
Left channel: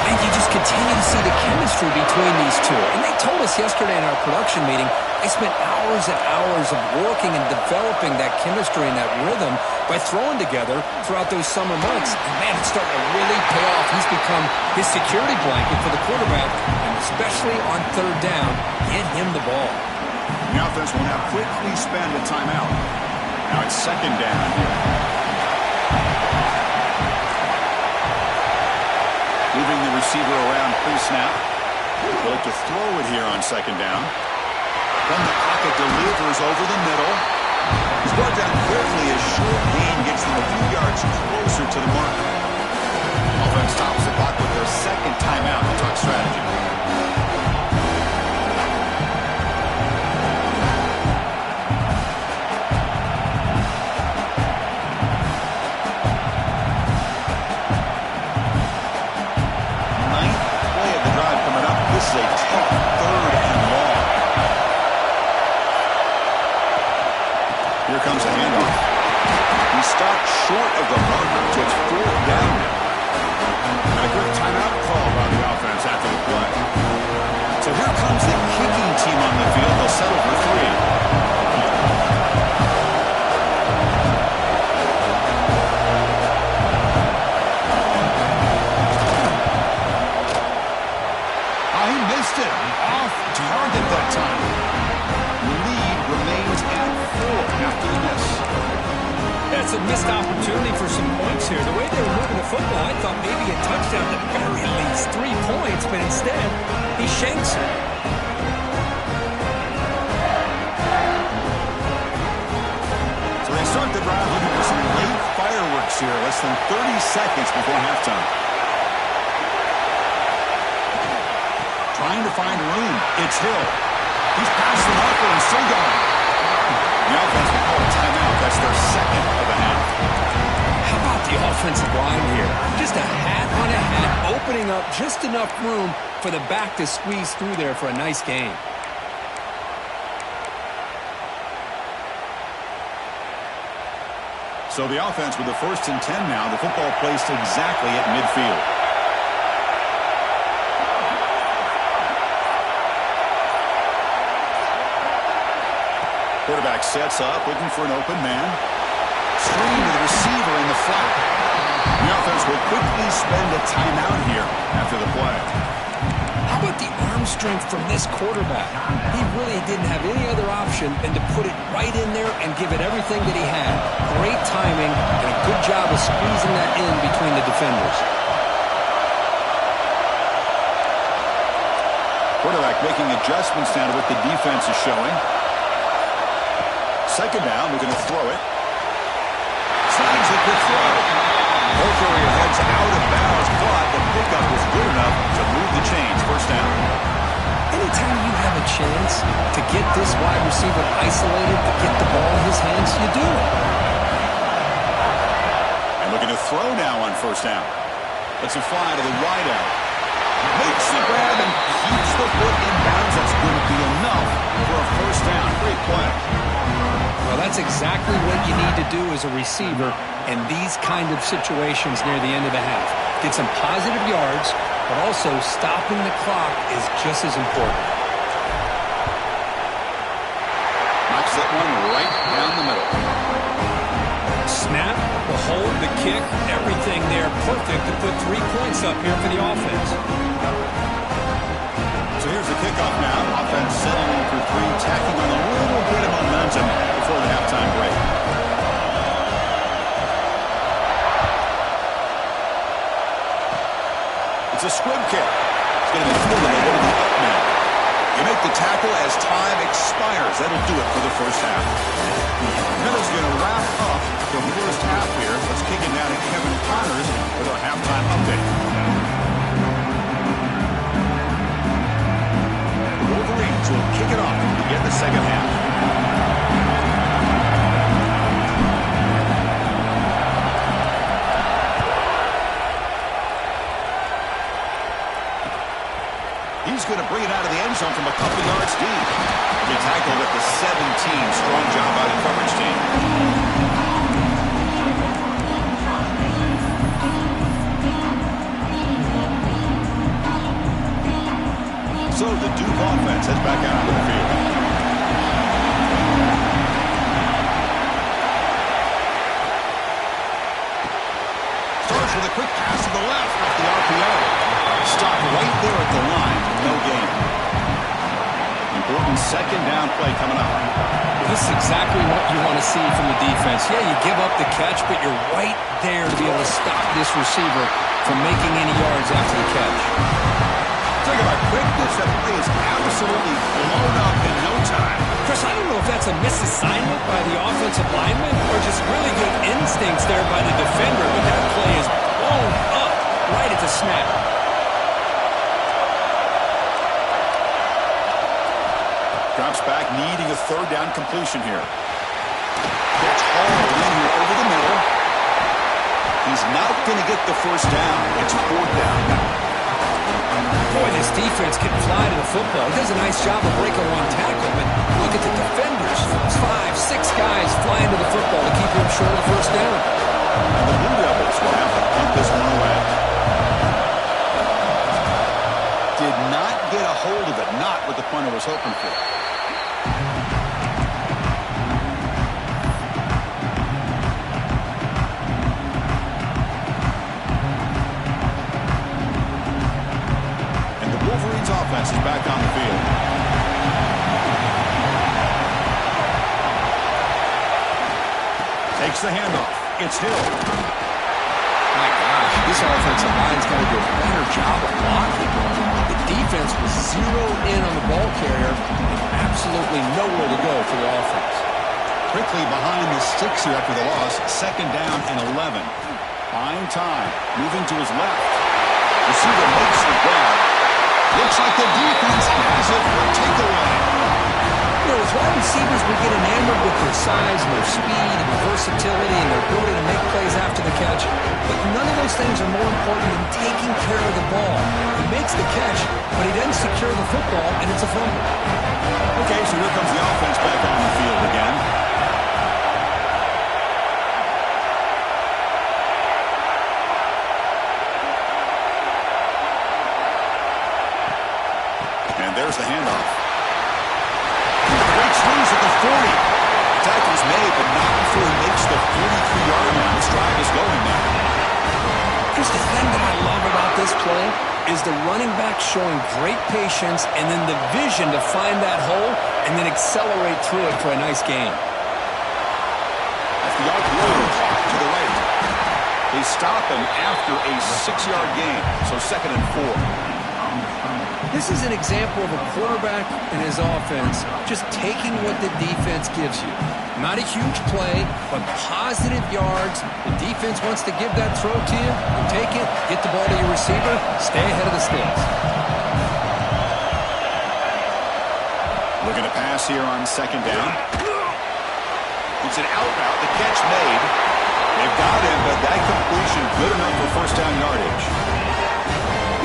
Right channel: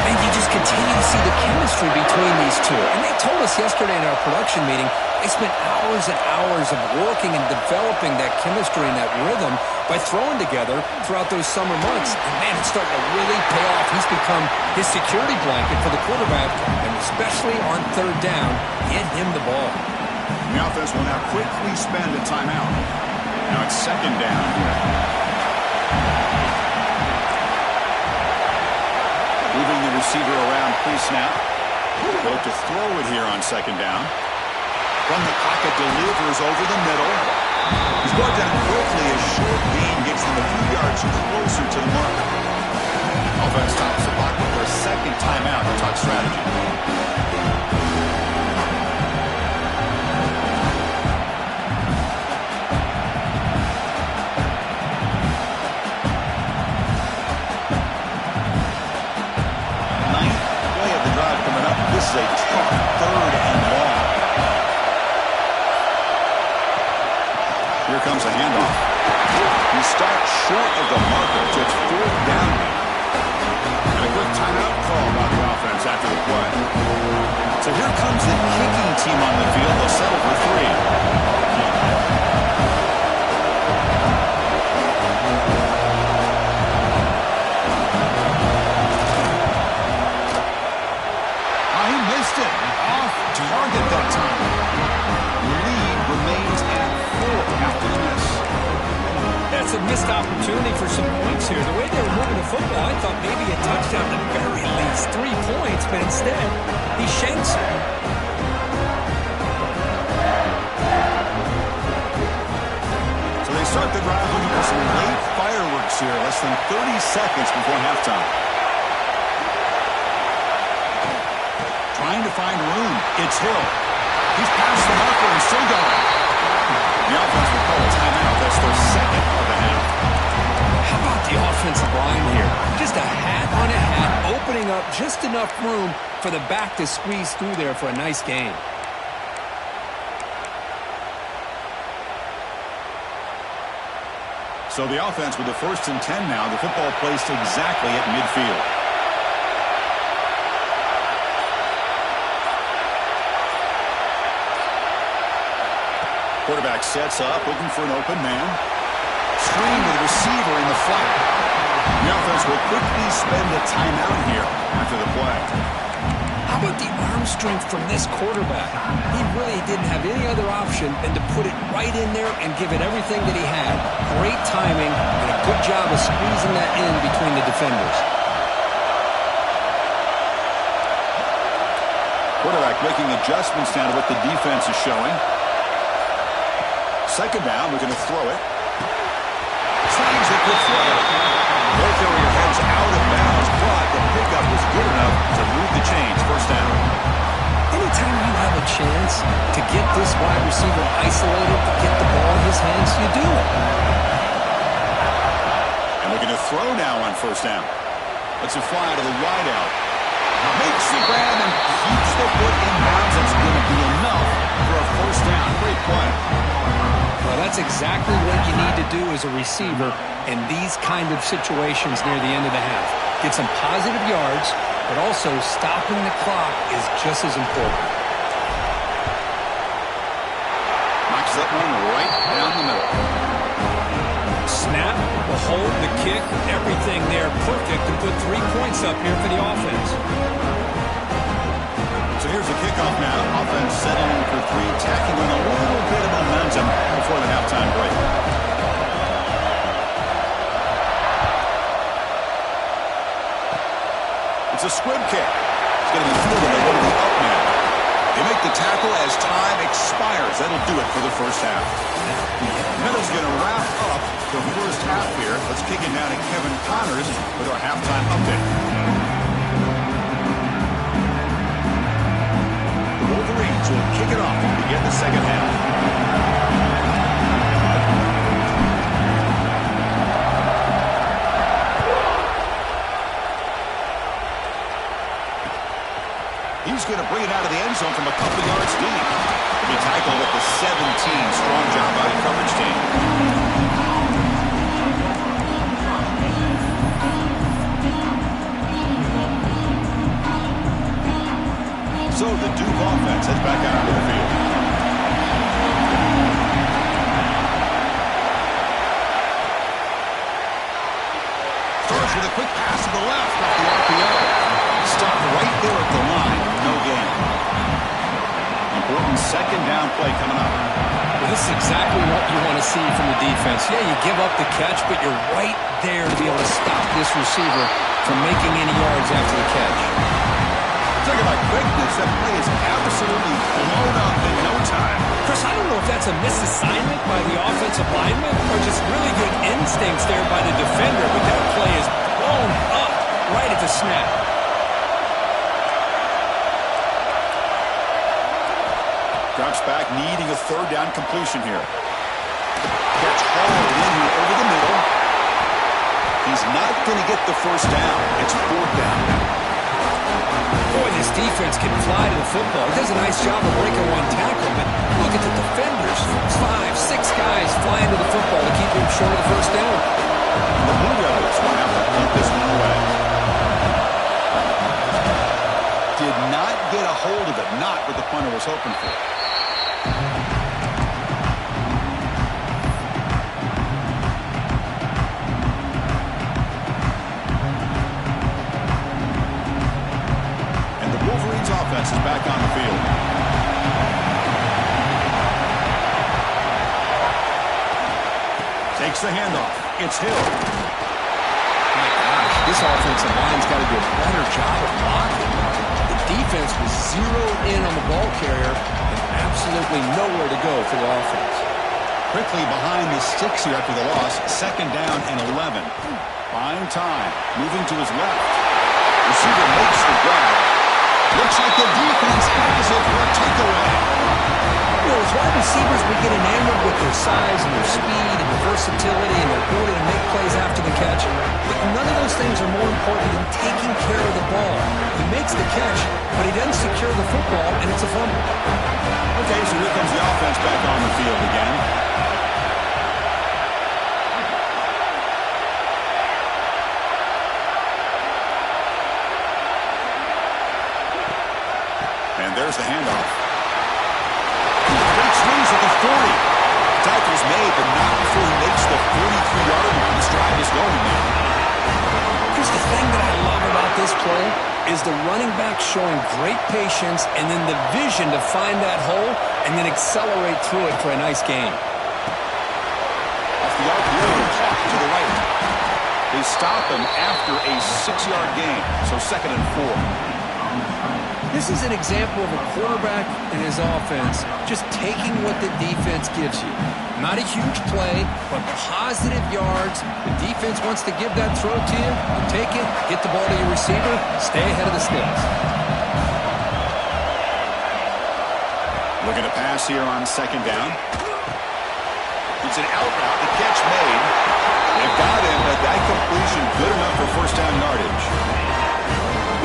And you just continue to see the chemistry between these two. And they told us yesterday in our production meeting, they spent hours and hours of working and developing that chemistry and that rhythm by throwing together throughout those summer months. And, man, it's starting to really pay off. He's become his security blanket for the quarterback, and especially on 3rd down, get him the ball. The offense will now quickly spend a timeout. Now it's 2nd down here. Moving the receiver around pre-snap. They'll look to throw it here on 2nd down. From the pocket, delivers over the middle. He's brought down quickly. A short gain gets them a few yards closer to the marker. Offense stops the clock with their 2nd timeout to talk strategy. Here comes a handoff. He stopped short of the marker, so it's 4th down now. And a quick timeout call by the offense after the play. So here comes the kicking team on the field. They'll settle for 3. He missed it. Off target that time. The lead remains at 4 after the miss. That's a missed opportunity for some points here. The way they were moving the football, I thought maybe a touchdown at the very least, 3 points, but instead, he shanks it. So they start the drive looking for some late fireworks here, less than 30 seconds before halftime. Trying to find room. It's Hill. He's past the marker and still going. The offense will call a timeout. That's their 2nd of the half. How about the offensive line here? Just a hat on a hat, opening up just enough room for the back to squeeze through there for a nice gain. So the offense with the 1st and 10 now. The football placed exactly at midfield. Quarterback sets up, looking for an open man. Screen to the receiver in the flat. The offense will quickly spend a timeout here after the play. How about the arm strength from this quarterback? He really didn't have any other option than to put it right in there and give it everything that he had. Great timing and a good job of squeezing that in between the defenders. Quarterback making adjustments now to what the defense is showing. 2nd down, we're going to throw it. Snags it to throw. Ball carrier heads out of bounds, but the pickup was good enough to move the chains. 1st down. Anytime you have a chance to get this wide receiver isolated, to get the ball in his hands, you do it. And looking to throw now on 1st down. Lets it fly to the wideout. Makes the grab and keeps the foot in bounds. That's going to be enough for a 1st down. Great play. Well, that's exactly what you need to do as a receiver in these kind of situations near the end of the half. Get some positive yards, but also stopping the clock is just as important. Knocks that one right down the middle. Snap, the hold, the kick, everything there perfect to put 3 points up here for the offense. So here's the kickoff now. Offense settling for 3, tacking on a little bit of momentum before the halftime break. It's a squib kick. It's going to be fielded. They go to the up man. You make the tackle as time expires. That'll do it for the 1st half. Meadow's going to wrap up the 1st half here. Let's kick it down to Kevin Connors with our halftime update. Wolverines will kick it off to begin the 2nd half. He's going to bring it out of the end zone from a couple yards deep. He'll be tackled at the 17. Strong job by the coverage team. So the Duke offense heads back out onto the field. Starts with a quick pass to the left off the RPO. Stopped right there at the line. No gain. Important 2nd down play coming up. Well, this is exactly what you want to see from the defense. Yeah, you give up the catch, but you're right there to be able to stop this receiver from making any yards after the catch. Talk about quickness. That play is absolutely blown up in no time. Chris, I don't know if that's a misassignment by the offensive lineman or just really good instincts there by the defender, but that play is blown up right at the snap. Drops back, needing a 3rd down completion here. Gets hauled in here over the middle. He's not going to get the 1st down. It's 4th down. Boy, this defense can fly to the football. He does a nice job of breaking one tackle, but look at the defenders. 5, 6 guys flying to the football to keep him short of the first down. And the Blue Devils will have to punt this one away. Did not get a hold of it. Not what the punter was hoping for. Wolverines offense is back on the field. Takes the handoff. It's Hill. My gosh, this offensive line's got to do a better job of blocking. The defense was zeroed in on the ball carrier and absolutely nowhere to go for the offense. Quickly behind the sticks here after the loss. 2nd down and 11. Buying time. Moving to his left. Receiver makes the grab. Looks like the defense has it for a takeaway. You know, as wide receivers, we get enamored with their size and their speed and their versatility and their ability to make plays after the catch. But none of those things are more important than taking care of the ball. He makes the catch, but he doesn't secure the football, and it's a fumble. Okay, so here comes the offense back on the field again. And there's the handoff. Great swings at the 40. The tackle is made, but not before he makes the 43-yard line. This drive is going now. Here's the thing that I love about this play is the running back showing great patience and then the vision to find that hole and then accelerate through it for a nice gain. Off the RPO, caught to the right. They stop him after a 6-yard gain, so 2nd and 4. This is an example of a quarterback and his offense just taking what the defense gives you. Not a huge play, but positive yards. The defense wants to give that throw to you. You take it, get the ball to your receiver, stay ahead of the sticks. Looking to pass here on 2nd down. It's an out route. The catch made. They've got him, but that completion good enough for 1st down yardage.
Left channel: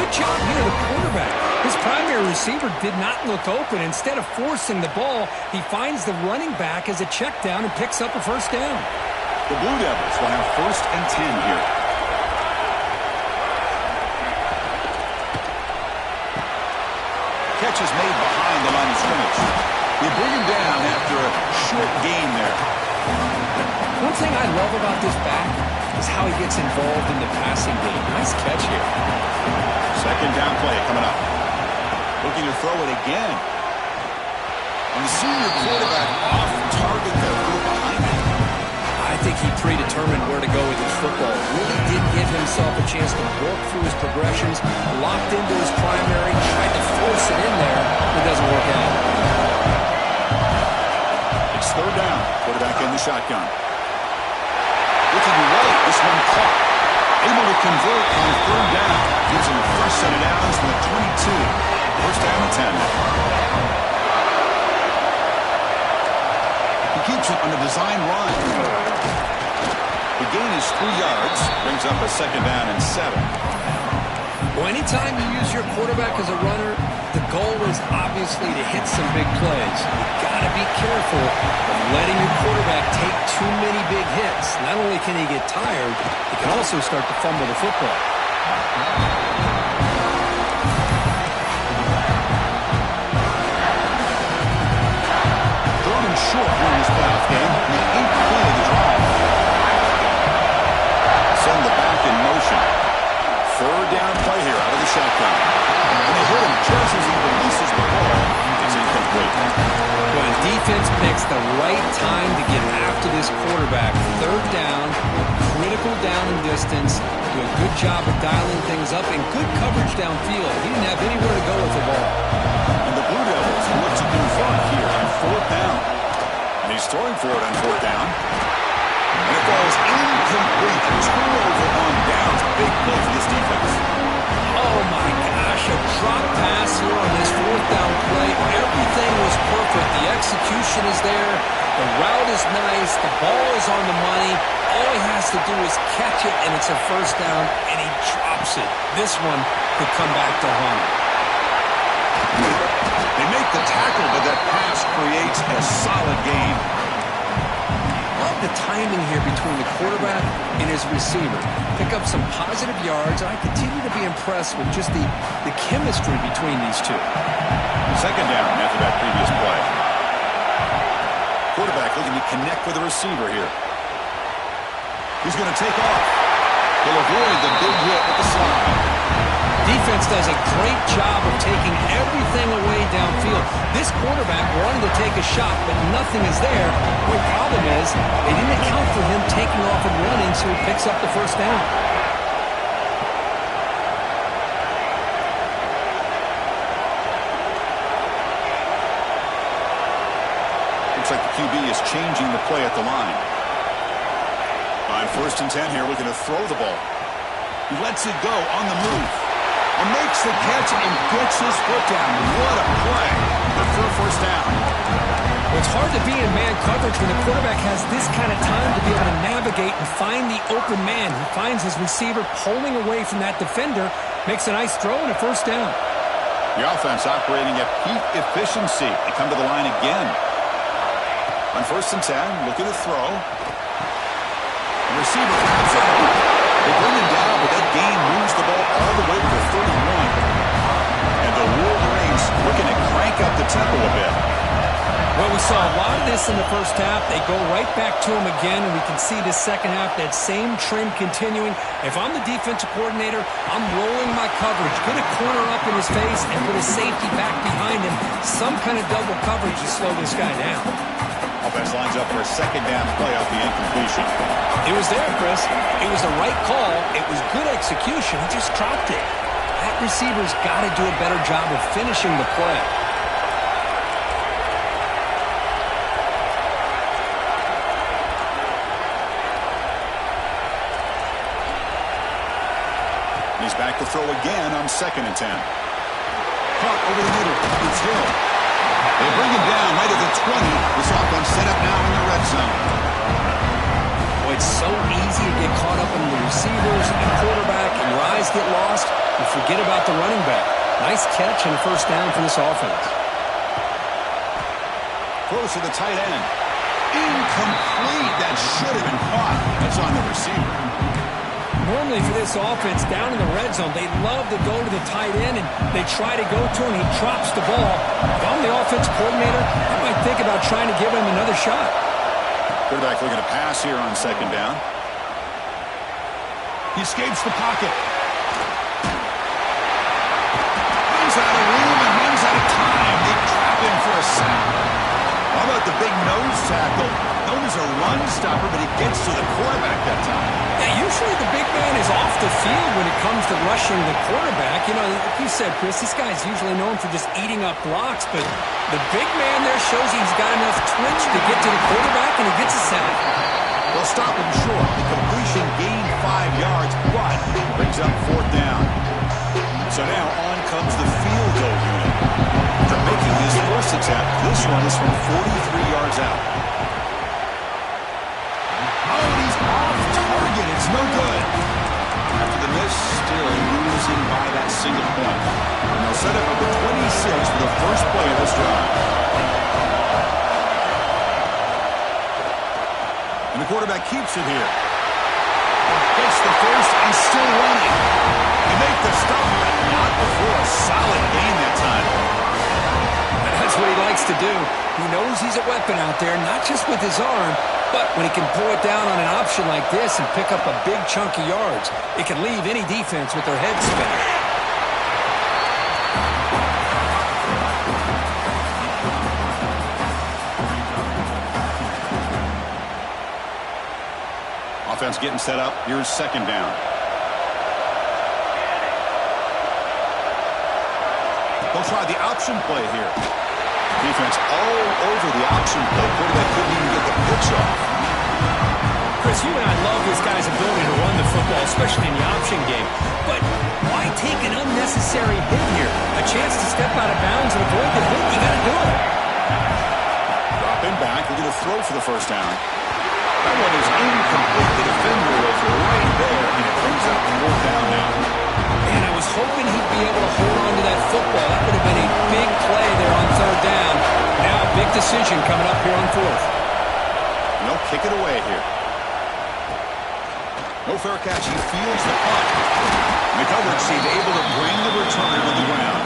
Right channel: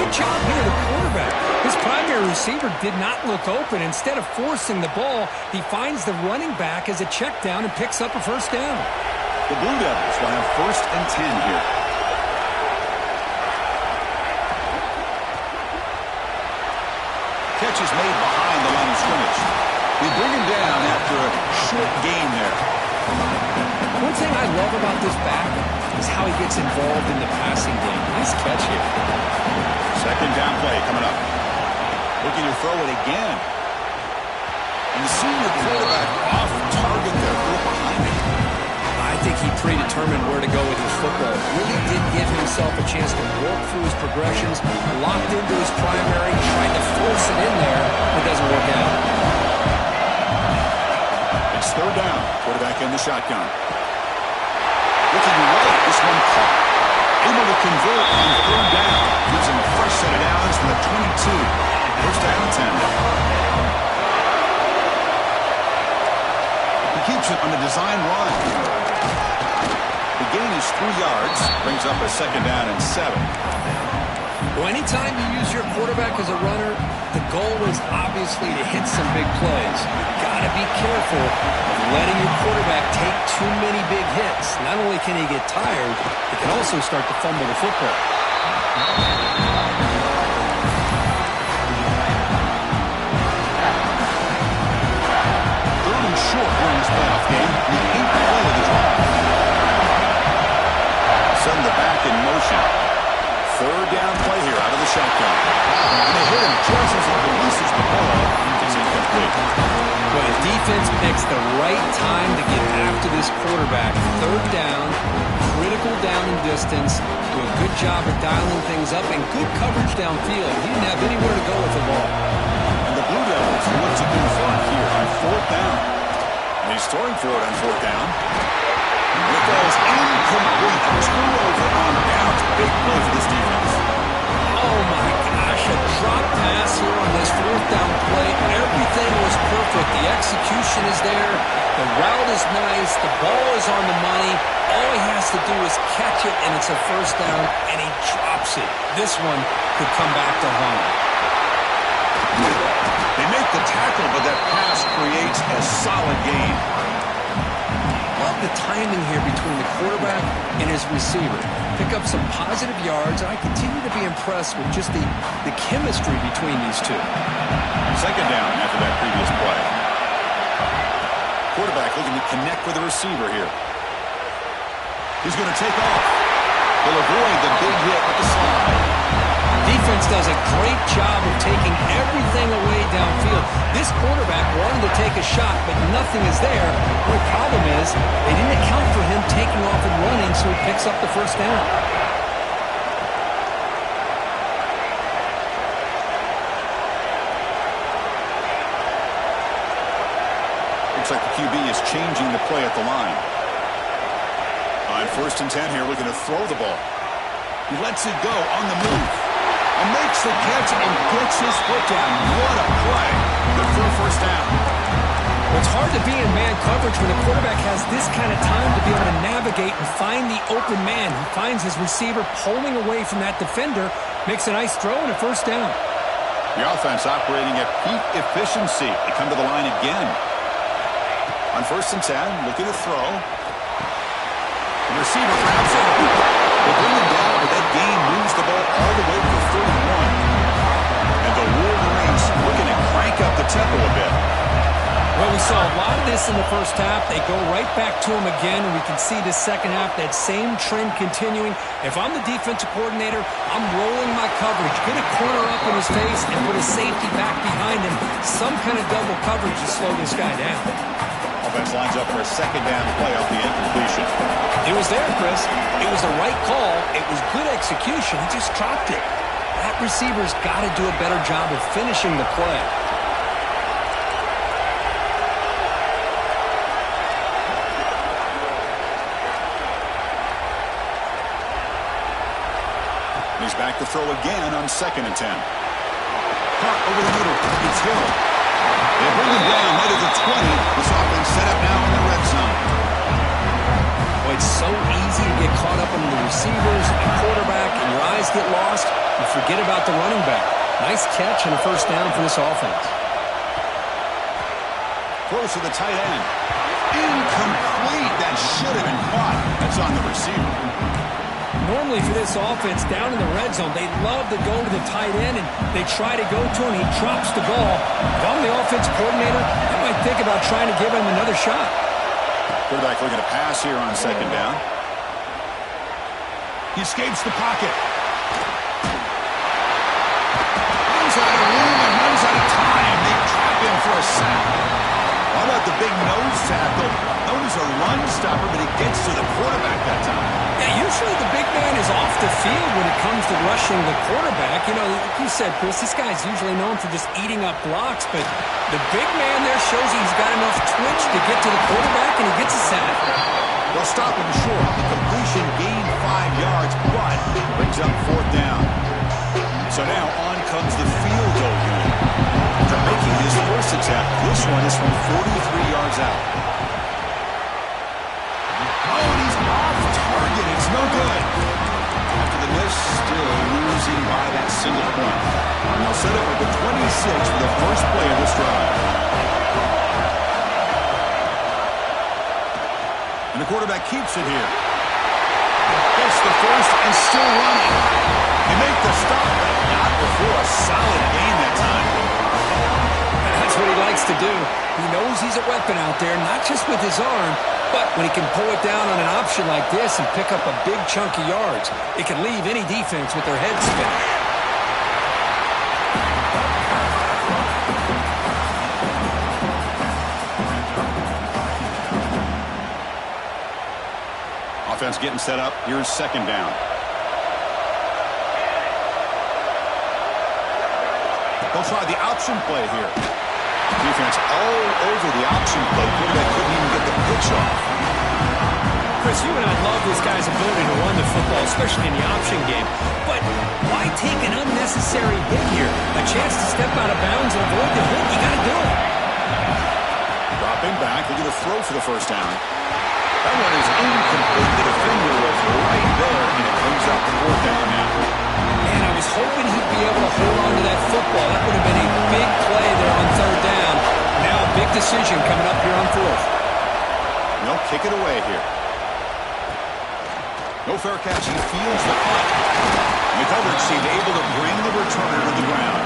Good job here, the quarterback. His primary receiver did not look open. Instead of forcing the ball, he finds the running back as a check down and picks up a 1st down. The Blue Devils will have 1st and 10 here. Catch is made behind the line of scrimmage. They bring him down after a short gain there. One thing I love about this back is how he gets involved in the passing game. Nice catch here. 2nd down play coming up. Looking to throw it again. And the senior quarterback off target there, threw it behind him. I think he predetermined where to go with his football. Really did give himself a chance to work through his progressions, locked into his primary, tried to force it in there, but it doesn't work out. It's 3rd down. Quarterback in the shotgun. Looking right, this one caught. Able to convert on 3rd down. Gives him a fresh set of downs from the 22. 1st down and 10. He keeps it on a design run. The gain is 3 yards. Brings up a 2nd down and 7. Well, anytime you use your quarterback as a runner, the goal is obviously to hit some big plays. You've got to be careful of letting your quarterback take too many big hits. Not only can he get tired, he can also start to fumble the football. 3rd and short here in this playoff game. The 8th play of the drive. Send the back in motion. 3rd down play here out of the shotgun. And they hit him just as he releases the ball. It's incomplete. Well, the defense picks the right time to get after this quarterback. 3rd down, critical down and distance. Do a good job of dialing things up and good coverage downfield. He didn't have anywhere to go with the ball. And the Blue Devils look to confront here on 4th down. And he's throwing for it on 4th down. And it falls incomplete. A turnover on downs. Big play for this defense. Oh, my gosh. A drop pass here on this 4th down play. Everything was perfect. The execution is there. The route is nice. The ball is on the money. All he has to do is catch it, and it's a 1st down, and he drops it. This one could come back to haunt him. They make the tackle, but that pass creates a solid gain. the timing here between the quarterback and his receiver. Pick up some positive yards, and I continue to be impressed with just the chemistry between these two. Second down after that previous play. Quarterback looking to connect with the receiver here. He's going to take off. He'll avoid the big hit with the slide. Defense does a great job of taking everything away downfield. This quarterback wanted to take a shot, but nothing is there. The problem is they didn't account for him taking off and running, so he picks up the first down. Looks like the QB is changing the play at the line. On 1st and 10 here, looking to throw the ball. He lets it go on the move. Makes the catch and gets his foot down. What a play. Good for a first down. Well, it's hard to be in man coverage when the quarterback has this kind of time to be able to navigate and find the open man. He finds his receiver pulling away from that defender, makes a nice throw and a first down. The offense operating at peak efficiency. They come to the line again. On 1st and 10, looking to throw. The receiver grabs it. They bring him down, but that gain moves the ball all the way to the 31. And the Wolverines looking to crank up the tempo a bit. Well, we saw a lot of this in the first half. They go right back to him again, and we can see this second half, that same trend continuing. If I'm the defensive coordinator, I'm rolling my coverage. Get a corner up in his face and put a safety back behind him. Some kind of double coverage to slow this guy down. Offense lines up for a second down play off the incompletion. It was there, Chris. It was the right call. It was good execution. He just dropped it. That receiver's got to do a better job of finishing the play. He's back to throw again on 2nd and 10. Caught over the middle. It's Hill. They bring him down right at the 20. This offense set up now in the red zone. Boy, it's so easy to get caught up in the receivers and quarterback, and your eyes get lost. You forget about the running back. Nice catch and a first down for this offense. Throws to the tight end. Incomplete. That should have been caught. That's on the receiver. Normally for this offense, down in the red zone, they love to go to the tight end, and they try to go to him, and he drops the ball. If I'm the offense coordinator, I might think about trying to give him another shot. Quarterback looking to pass here on 2nd down. He escapes the pocket. Runs out of room and runs out of time. They trap him for a sack. How about the big nose tackle? Known as a run stopper, but he gets to the quarterback that time. Yeah, usually the big man is off the field when it comes to rushing the quarterback. You know, like you said, Chris, this guy's usually known for just eating up blocks, but the big man there shows he's got enough twitch to get to the quarterback, and he gets a sack. They'll stop him short. The completion gained 5 yards, but brings up 4th down. So now on comes the field goal unit. After making his first attempt, this one is from 43 yards out. Oh, and he's off target. It's no good. After the miss, still losing by that single point. And they'll set up at the 26 for the first play of this drive. And the quarterback keeps it here. Gets the first and still running. They make the stop, but not before a solid gain that time. That's what he likes to do. He knows he's a weapon out there, not just with his arm, but when he can pull it down on an option like this and pick up a big chunk of yards, it can leave any defense with their head spinning. Offense getting set up. Here's 2nd down. They'll try the option play here. Defense all over the option play. Quarterback couldn't even get the pitch off. Chris, you and I love this guy's ability to run the football, especially in the option game. But why take an unnecessary hit here? A chance to step out of bounds and avoid the hit, you got to do it. Dropping back, they're going to throw for the first down. That one is incomplete. The defender was right there, and it brings up 4th down now. Man, I was hoping he'd be able to hold on to that football. That would have been a big play there on 3rd down. Now a big decision coming up here on 4th. They'll kick it away here. No fair catch. He fields the punt. And the coverage team able to bring the returner to the ground.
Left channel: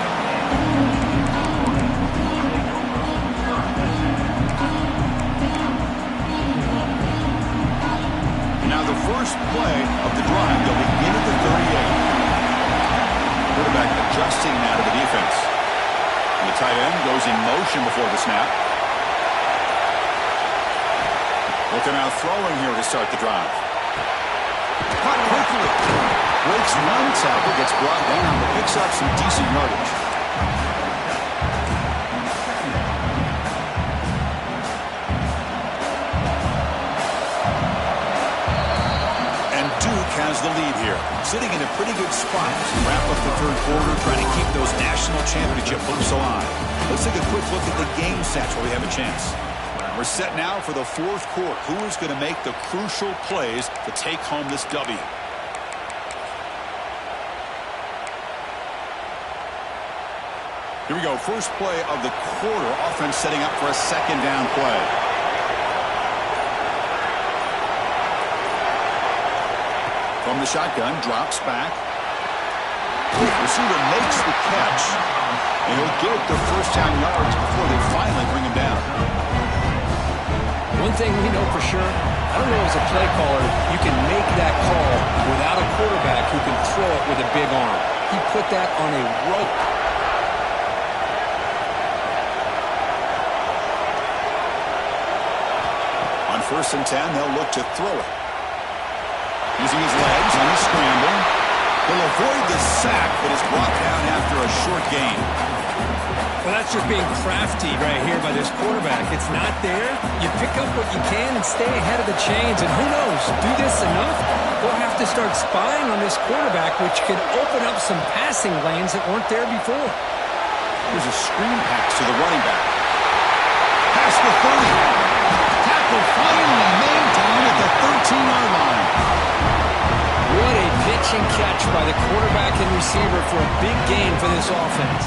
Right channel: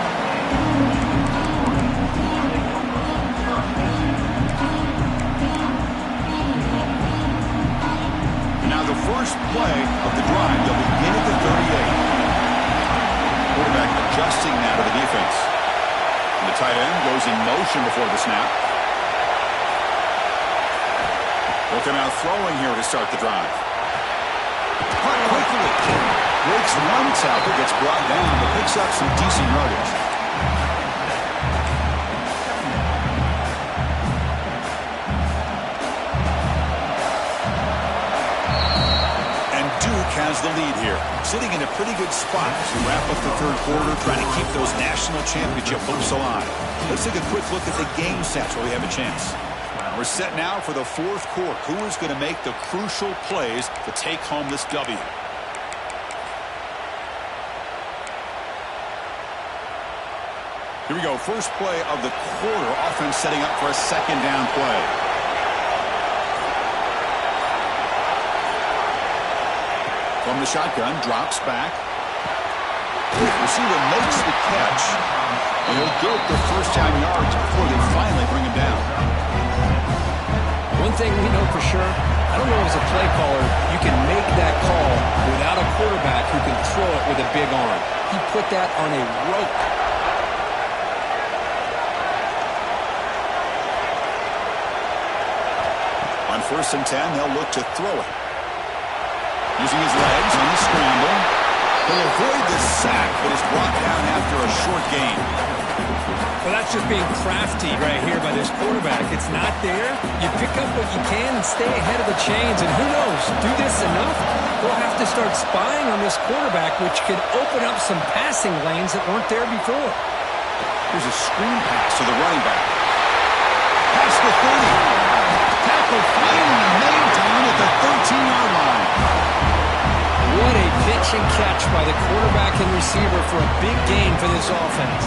And now the first play of the drive. They'll begin at the 38. Quarterback adjusting now to the defense. And the tight end goes in motion before the snap. Look him out throwing here to start the drive. Caught quickly. Breaks one tackle, gets brought down, but picks up some decent yardage. And Duke has the lead here, sitting in a pretty good spot as we wrap up the third quarter, trying to keep those national championship hopes alive. Let's take a quick look at the game stats while we have a chance. We're set now for the fourth quarter. Who is going to make the crucial plays to take home this W? Here we go. First play of the quarter. Offense setting up for a second down play. From the shotgun, drops back. Receiver makes the catch, and he'll get the first down yards before they finally bring him down. One thing we know for sure, I don't know as a play caller, you can make that call without a quarterback who can throw it with a big arm. He put that on a rope. On 1st and 10, they'll look to throw it. Using his legs on the scramble. He'll avoid the sack, but is brought down after a short gain. Well, that's just being crafty right here by this quarterback. It's not there. You pick up what you can and stay ahead of the chains. And who knows, do this enough, they'll have to start spying on this quarterback, which could open up some passing lanes that weren't there before. Here's a screen pass to the running back. Past the 30. Tackle finally made down at the 13-yard line. What a pitch and catch by the quarterback and receiver for a big gain for this offense.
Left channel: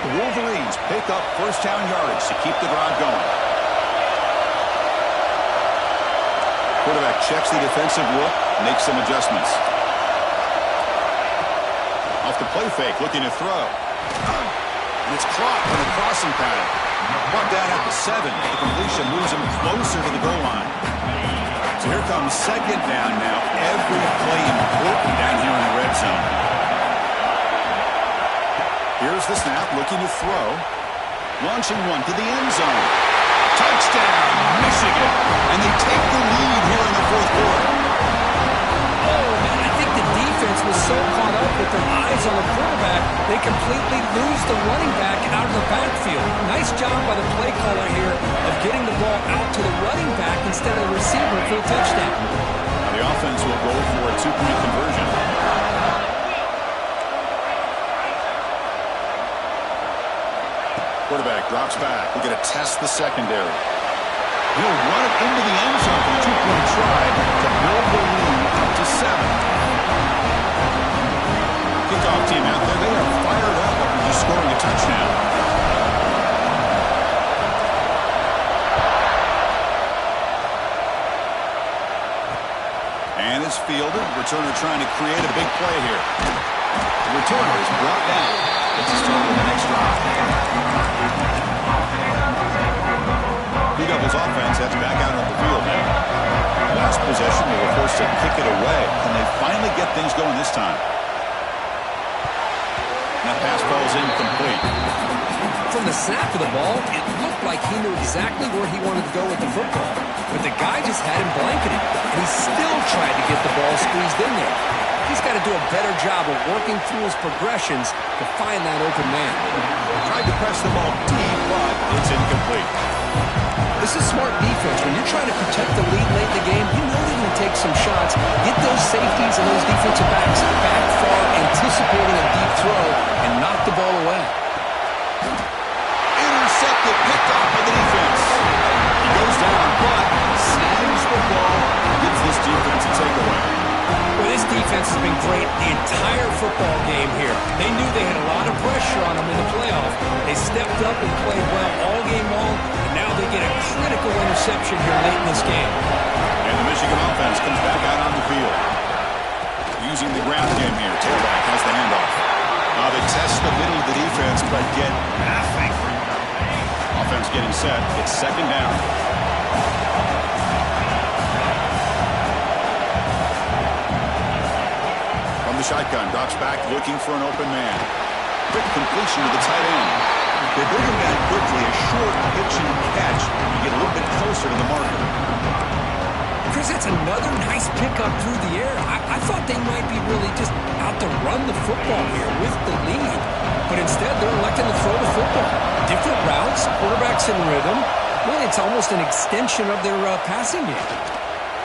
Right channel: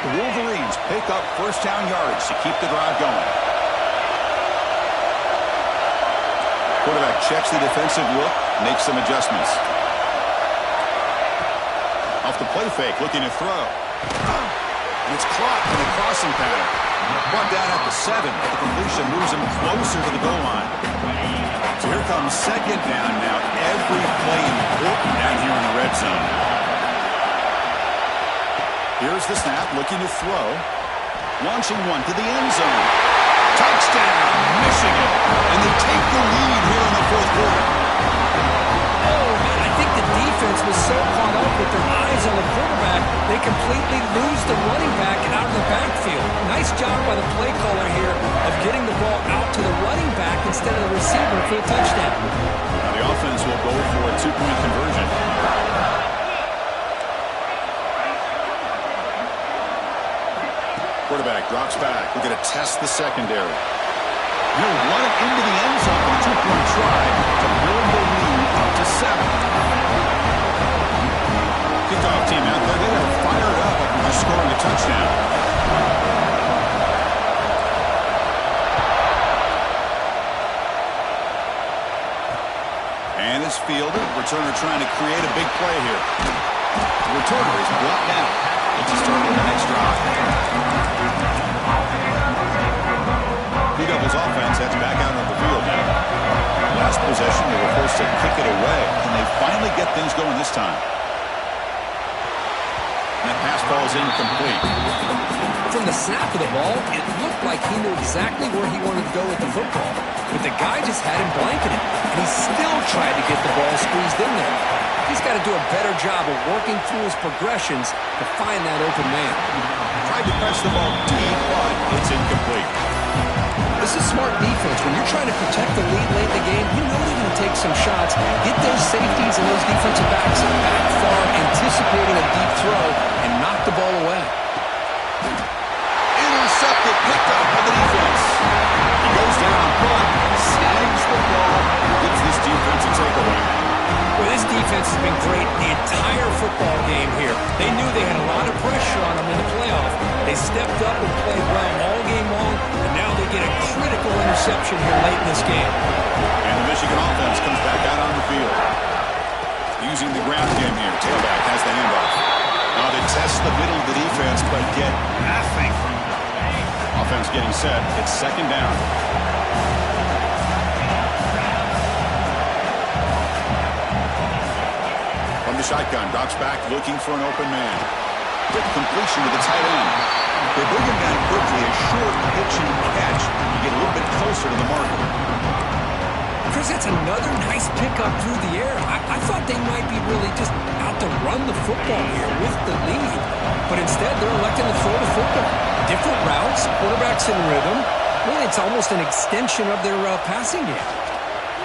The Wolverines pick up first down yardage to keep the drive going. Quarterback checks the defensive look, makes some adjustments. Off the play fake, looking to throw. And it's caught in the crossing pattern. Brought down at the 7. The completion moves him closer to the goal line. So here comes second down now. Every play important down here in the red zone. Here's the snap, looking to throw. Launching one to the end zone. Touchdown, Michigan. And they take the lead here in the fourth quarter. Oh, man, I think the defense was so caught up with their eyes on the quarterback, they completely lose the running back out of the backfield. Nice job by the play caller here of getting the ball out to the running back instead of the receiver for a touchdown. Now the offense will go for a two-point conversion. Quarterback drops back. We're going to test the secondary. He'll run it into the end zone for the two-point try to build the lead up to 7. Kickoff team out there. They are fired up after just scoring a touchdown. And it's fielded. Returner trying to create a big play here. The returner is brought down. Gets us started on the next drive. Blue Devils offense heads back out on the field now. Last possession, they were forced to kick it away. Can they finally get things going this time? And that pass ball is incomplete. From the snap of the ball, it looked like he knew exactly where he wanted to go with the football. But the guy just had him blanketed, and he still tried to get the ball squeezed in there. He's got to do a better job of working through his progressions to find that open man. Tried to press the ball deep, but it's incomplete. This is smart defense. When you're trying to protect the lead late in the game, you know they're going to take some shots, get those safeties and those defensive backs back far, anticipating a deep throw, and knock the ball away. Intercepted, picked off by the defense. He goes down, but snags the ball, gives this defense a takeaway. Well, this defense has been great the entire football game here. They knew they had a lot of pressure on them in the playoff. They stepped up and played well all game long, and now they get a critical interception here late in this game. And the Michigan offense comes back out on the field. Using the ground game here. Tailback has the handoff. Now they test the middle of the defense, but get nothing. Offense getting set. It's second down. From the shotgun, drops back looking for an open man. Quick completion to the tight end. They bring him down quickly, a short pitch and catch. You get a little bit closer to the marker. Chris, that's another nice pickup through the air. I thought they might be really just out to run the football here with the lead. But instead, they're electing to throw the football. Different routes, quarterbacks in rhythm. Really, it's almost an extension of their passing game.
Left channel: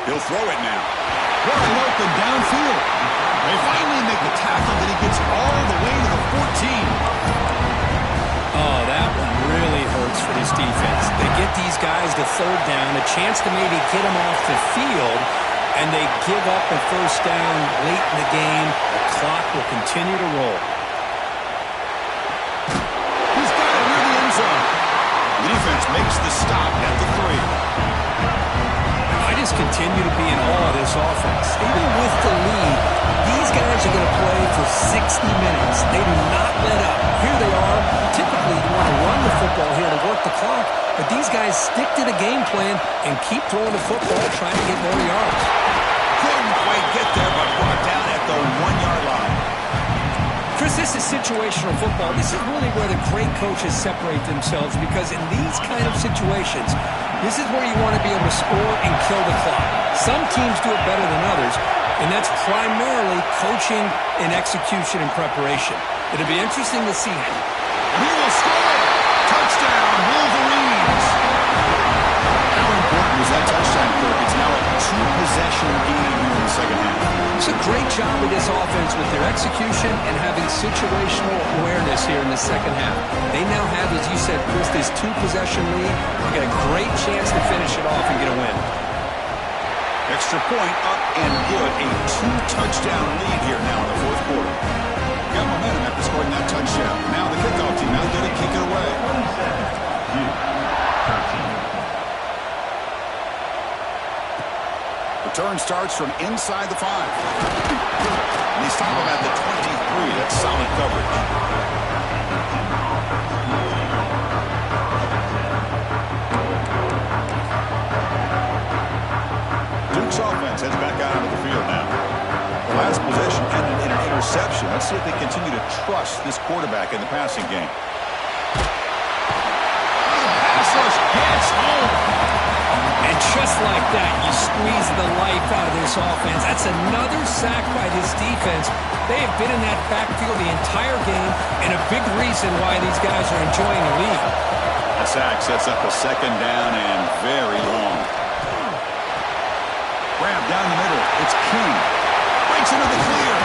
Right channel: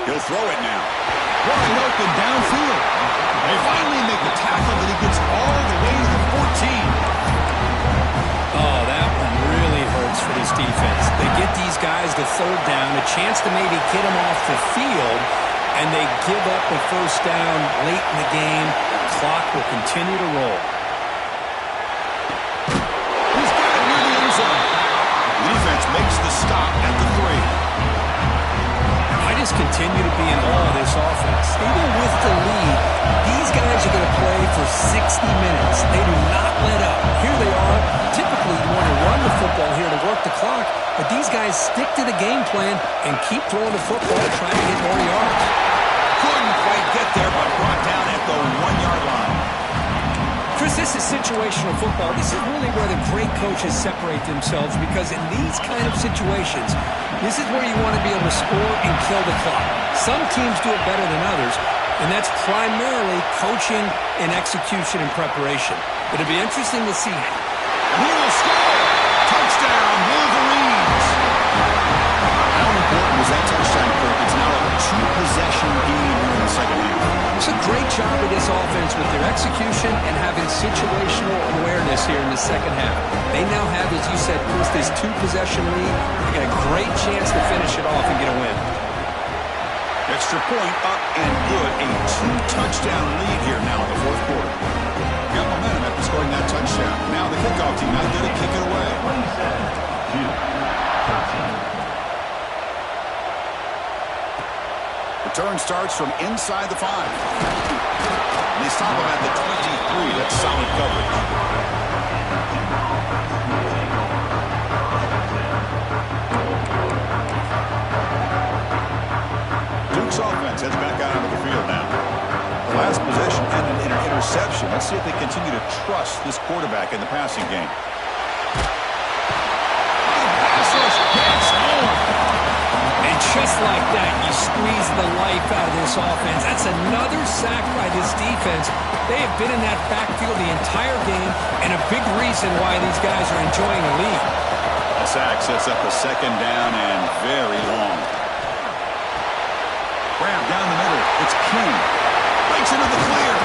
He'll throw it now. Wide open downfield. They finally make the tackle, but he gets all the way to the 14. Oh, that one really hurts for this defense. They get these guys to third down, a chance to maybe get them off the field, and they give up a first down late in the game. The clock will continue to roll. He's got it near the end zone. The defense makes the stop at the 3. I just continue to be in awe of this offense. Even with the lead, these guys are going to play for 60 minutes. They do not let up. Here they are. Typically, you want to run the football here to work the clock, but these guys stick to the game plan and keep throwing the football, trying to get more yards. Couldn't quite get there, but brought down at the 1-yard line. Chris, this is situational football. This is really where the great coaches separate themselves, because in these kind of situations, this is where you want to be able to score and kill the clock. Some teams do it better than others, and that's primarily coaching and execution and preparation. It'll be interesting to see. And he will score! Touchdown, Wolverines! How important was that touchdown, Kirk? It's now a 2-possession game here in the second half. It's a great job of this offense with their execution and having situational awareness here in the second half. They now have, as you said, Chris, this 2-possession lead. They got a great chance to finish it off and get a win. Extra point up and good. A 2-touchdown lead here now in the fourth quarter. Got momentum after scoring that touchdown. Now the kickoff team now going to kick it away. 27-13. Return starts from inside the 5. And they stop him at the 23. That's solid coverage. Duke's offense heads back out onto the field now. The last possession ended in an interception. Let's see if they continue to trust this quarterback in the passing game. The pass rush gets home. And just like that, you squeeze the life out of this offense. That's another sack by this defense. They have been in that backfield the entire game, and a big reason why these guys are enjoying the lead. The sack sets up a second down and very long. Grab down the middle. It's King. Breaks into the clear.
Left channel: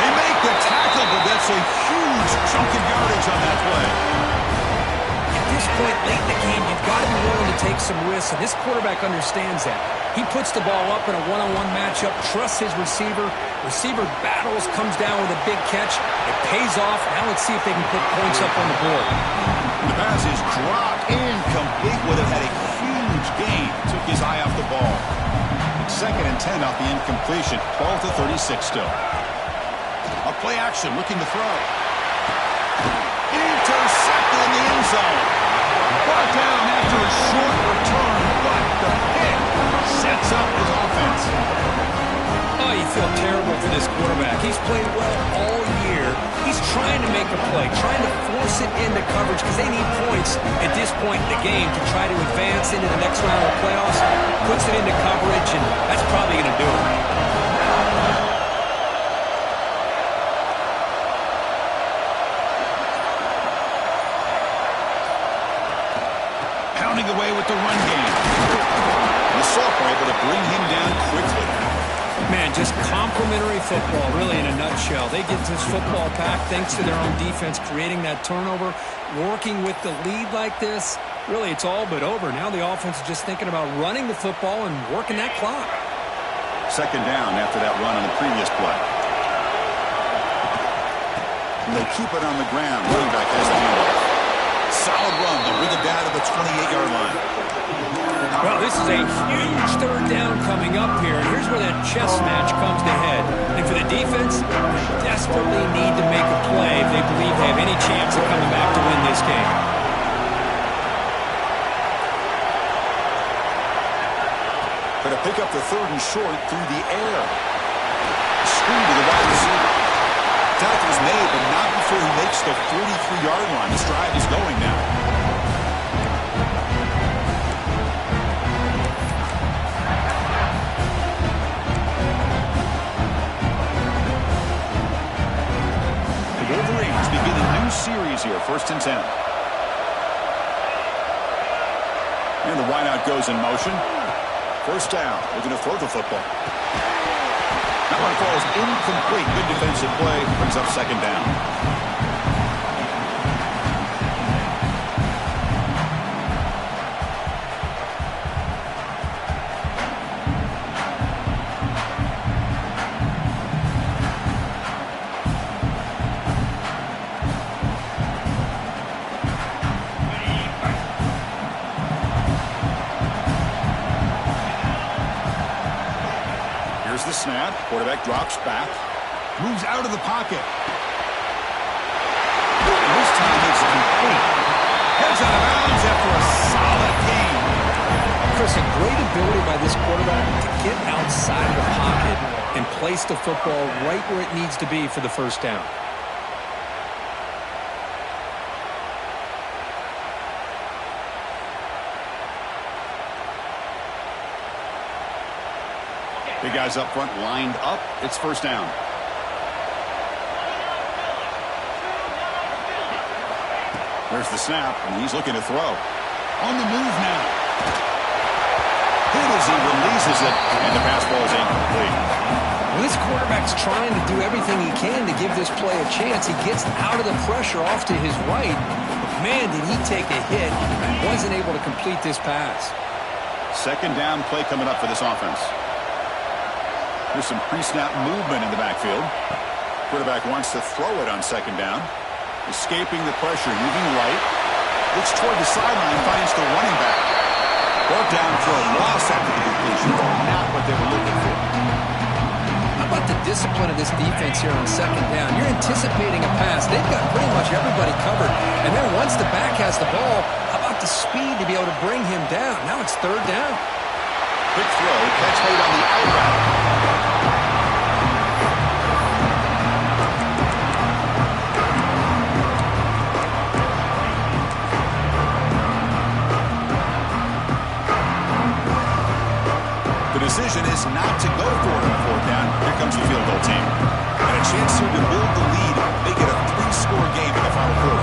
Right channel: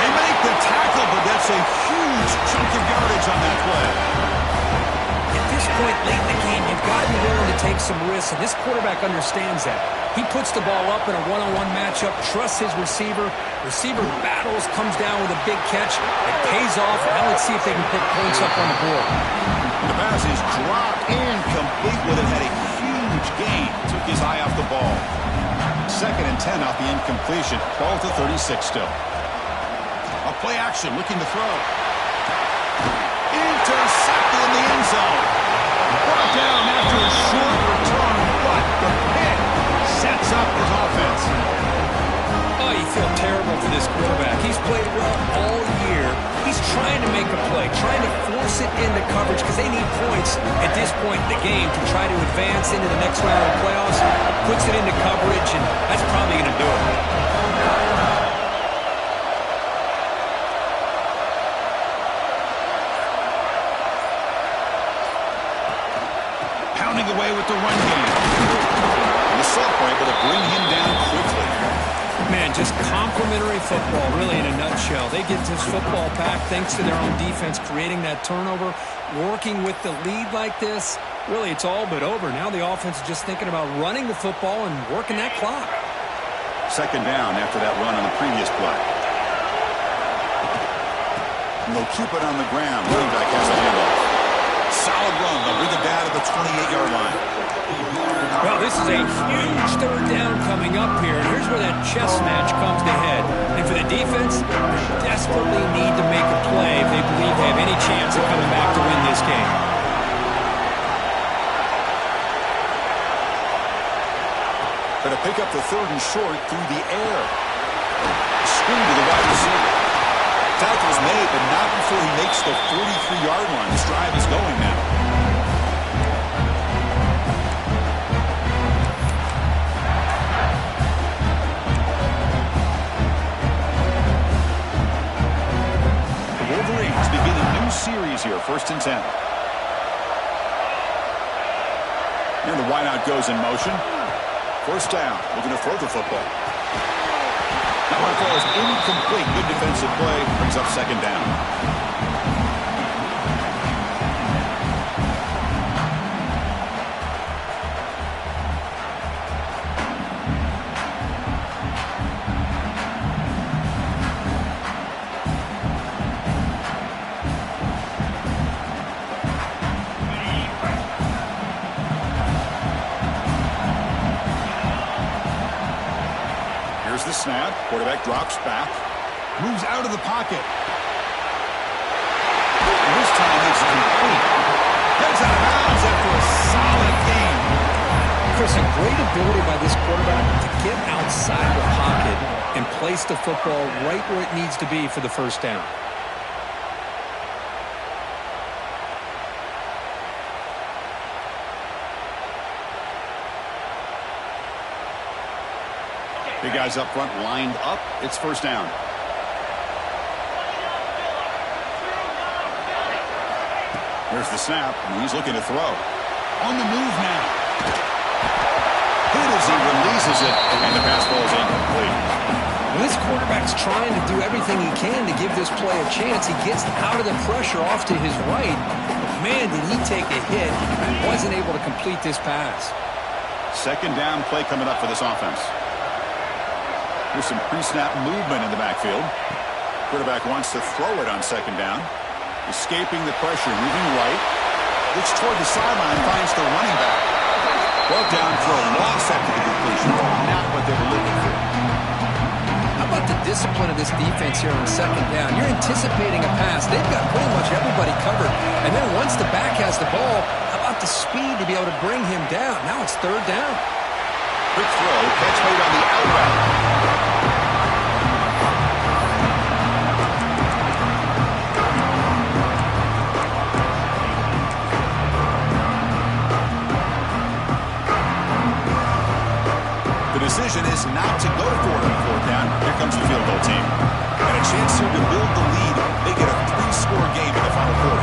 They make the tackle, but that's a huge chunk of yardage on that play. At this point late in the game, you've got to be willing to take some risks, and this quarterback understands that. He puts the ball up in a one-on-one matchup, trusts his receiver. Receiver battles, comes down with a big catch. It pays off. Now let's see if they can put points up on the board. The pass is dropped, incomplete. Would have had a huge gain. Took his eye off the ball. Second and 10 off the incompletion. 12-36 still. A play action, looking to throw. Intercepted in the end zone. Brought down after a short return, but the pick sets up his offense. Oh, you feel terrible for this quarterback. He's played well all year. He's trying to make a play, trying to force it into coverage because they need points at this point in the game to try to advance into the next round of the playoffs. Puts it into coverage, and that's probably going to do it. Pounding away with the run game. And the sophomore able to bring him down quickly. Man, just complimentary football, really, in a nutshell. They get this football back thanks to their own defense, creating that turnover, working with the lead like this. Really, it's all but over. Now the offense is just thinking about running the football and working that clock. Second down after that run on the previous play. And they'll keep it on the ground. Running back has the handoff. Solid run. They'll bring it down to the 28-yard line. Well, this is a huge third down coming up here. And here's where that chess match comes to head. And for the defense, they desperately need to make a play if they believe they have any chance of coming back to win this game. Going to pick up the third and short through the air. Screen to the wide receiver. Tackle is made, but not before he makes the 43-yard line. This drive is going now. The Wolverines begin a new series here, 1st and 10. And the wideout goes in motion. 1st down. Looking to throw the football. That one falls incomplete. Good defensive play. Brings up 2nd down. Here's the snap. Quarterback drops back. Moves out of the pocket. And this time it's complete. Heads out of bounds after a solid game. Chris, a great ability by this quarterback to get outside of the pocket and place the football right where it needs to be for the 1st down. Big guys up front lined up. It's 1st down. There's the snap, and he's looking to throw. On the move now. Hit as he releases it, and the pass ball is incomplete. Well, this quarterback's trying to do everything he can to give this play a chance. He gets out of the pressure off to his right, but man, did he take a hit and wasn't able to complete this pass. 2nd down play coming up for this offense. There's some pre-snap movement in the backfield. Quarterback wants to throw it on 2nd down. Escaping the pressure, moving right. Looks toward the sideline, finds the running back. Brought down for a loss after the completion. Not what they were looking for. How about the discipline of this defense here on 2nd down? You're anticipating a pass. They've got pretty much everybody covered. And then once the back has the ball, how about the speed to be able to bring him down? Now it's 3rd down. Quick throw, catch made on the out route. The decision is not to go for it on 4th down. Here comes the field goal team. And a chance here to build the lead, make it a 3-score game in the final quarter.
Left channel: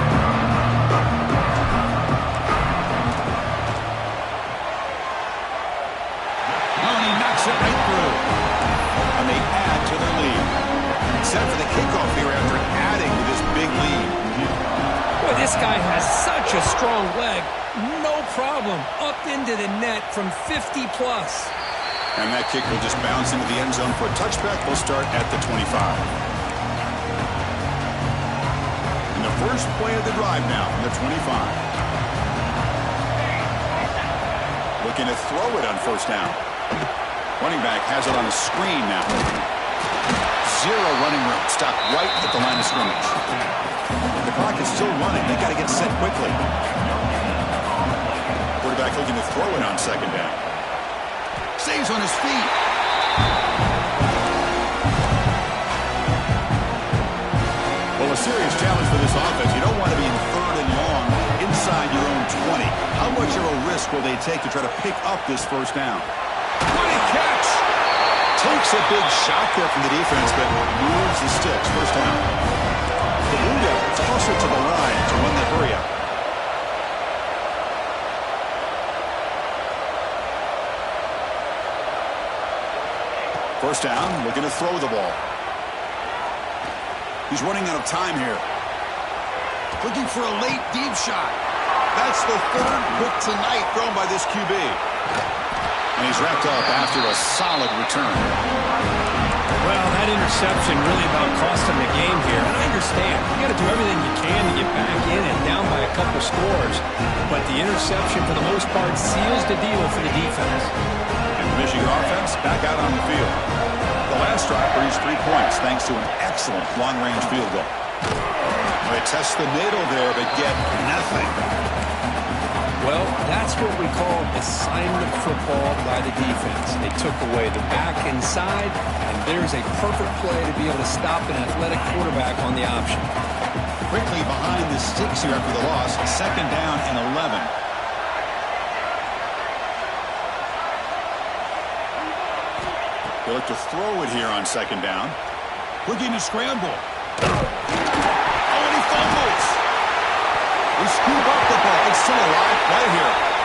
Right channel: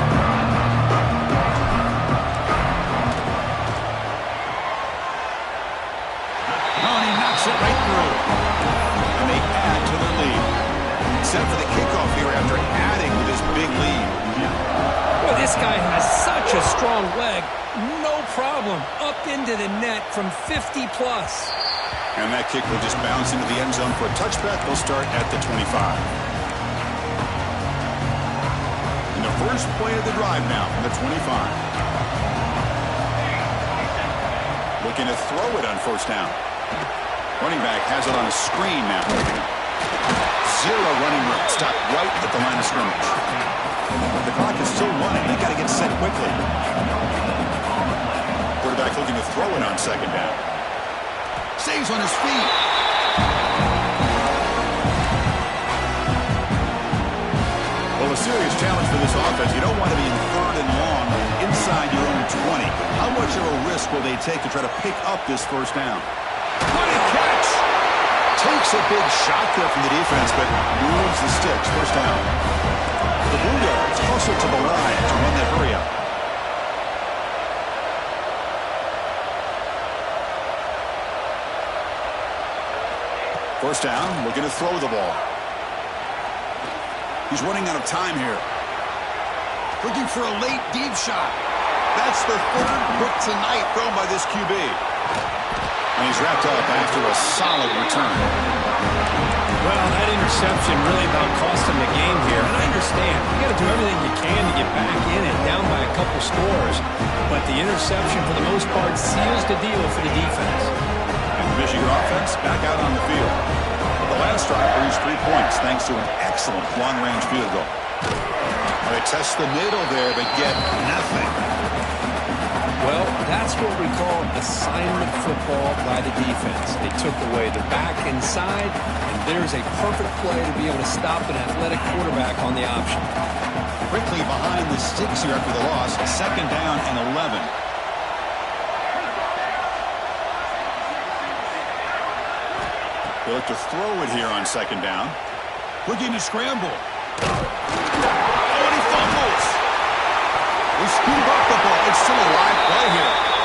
It right through. And they add to their lead. Set for the kickoff here after adding with his big lead. Boy, this guy has such a strong leg. No problem. Up into the net from 50+. And that kick will just bounce into the end zone for a touchback. They'll start at the 25. And the first play of the drive now from the 25. Looking to throw it on 1st down. Running back has it on a screen now. 0 running room. Stopped right at the line of scrimmage. The clock is still running. They got to get set quickly. Quarterback looking to throw it on 2nd down. Stays on his feet. Well, a serious challenge for this offense. You don't want to be in 3rd and long inside your own 20. How much of a risk will they take to try to pick up this 1st down? What a catch! Takes a big shot there from the defense, but moves the sticks. 1st down. The Blue Devils hustle to the line to run that hurry up. First down, looking to throw the ball. He's running out of time here. Looking for a late deep shot. That's the 3rd pick tonight thrown by this QB. And he's wrapped up after a solid return. Well, that interception really about cost him the game here. And I understand. You got to do everything you can to get back in and down by a couple scores. But the interception, for the most part, seals the deal for the defense. And the Michigan offense back out on the field. The last drive produced 3 points thanks to an excellent long-range field goal. Well, they test the middle there, but get nothing. Well, that's what we call assignment football by the defense. They took away the back inside, and there's a perfect play to be able to stop an athletic quarterback on the option. Quickly behind the sticks here after the loss. 2nd down and 11. They look to throw it here on 2nd down. Looking to scramble. Oh, and he fumbles. They scoop up the ball. It's still a live play here.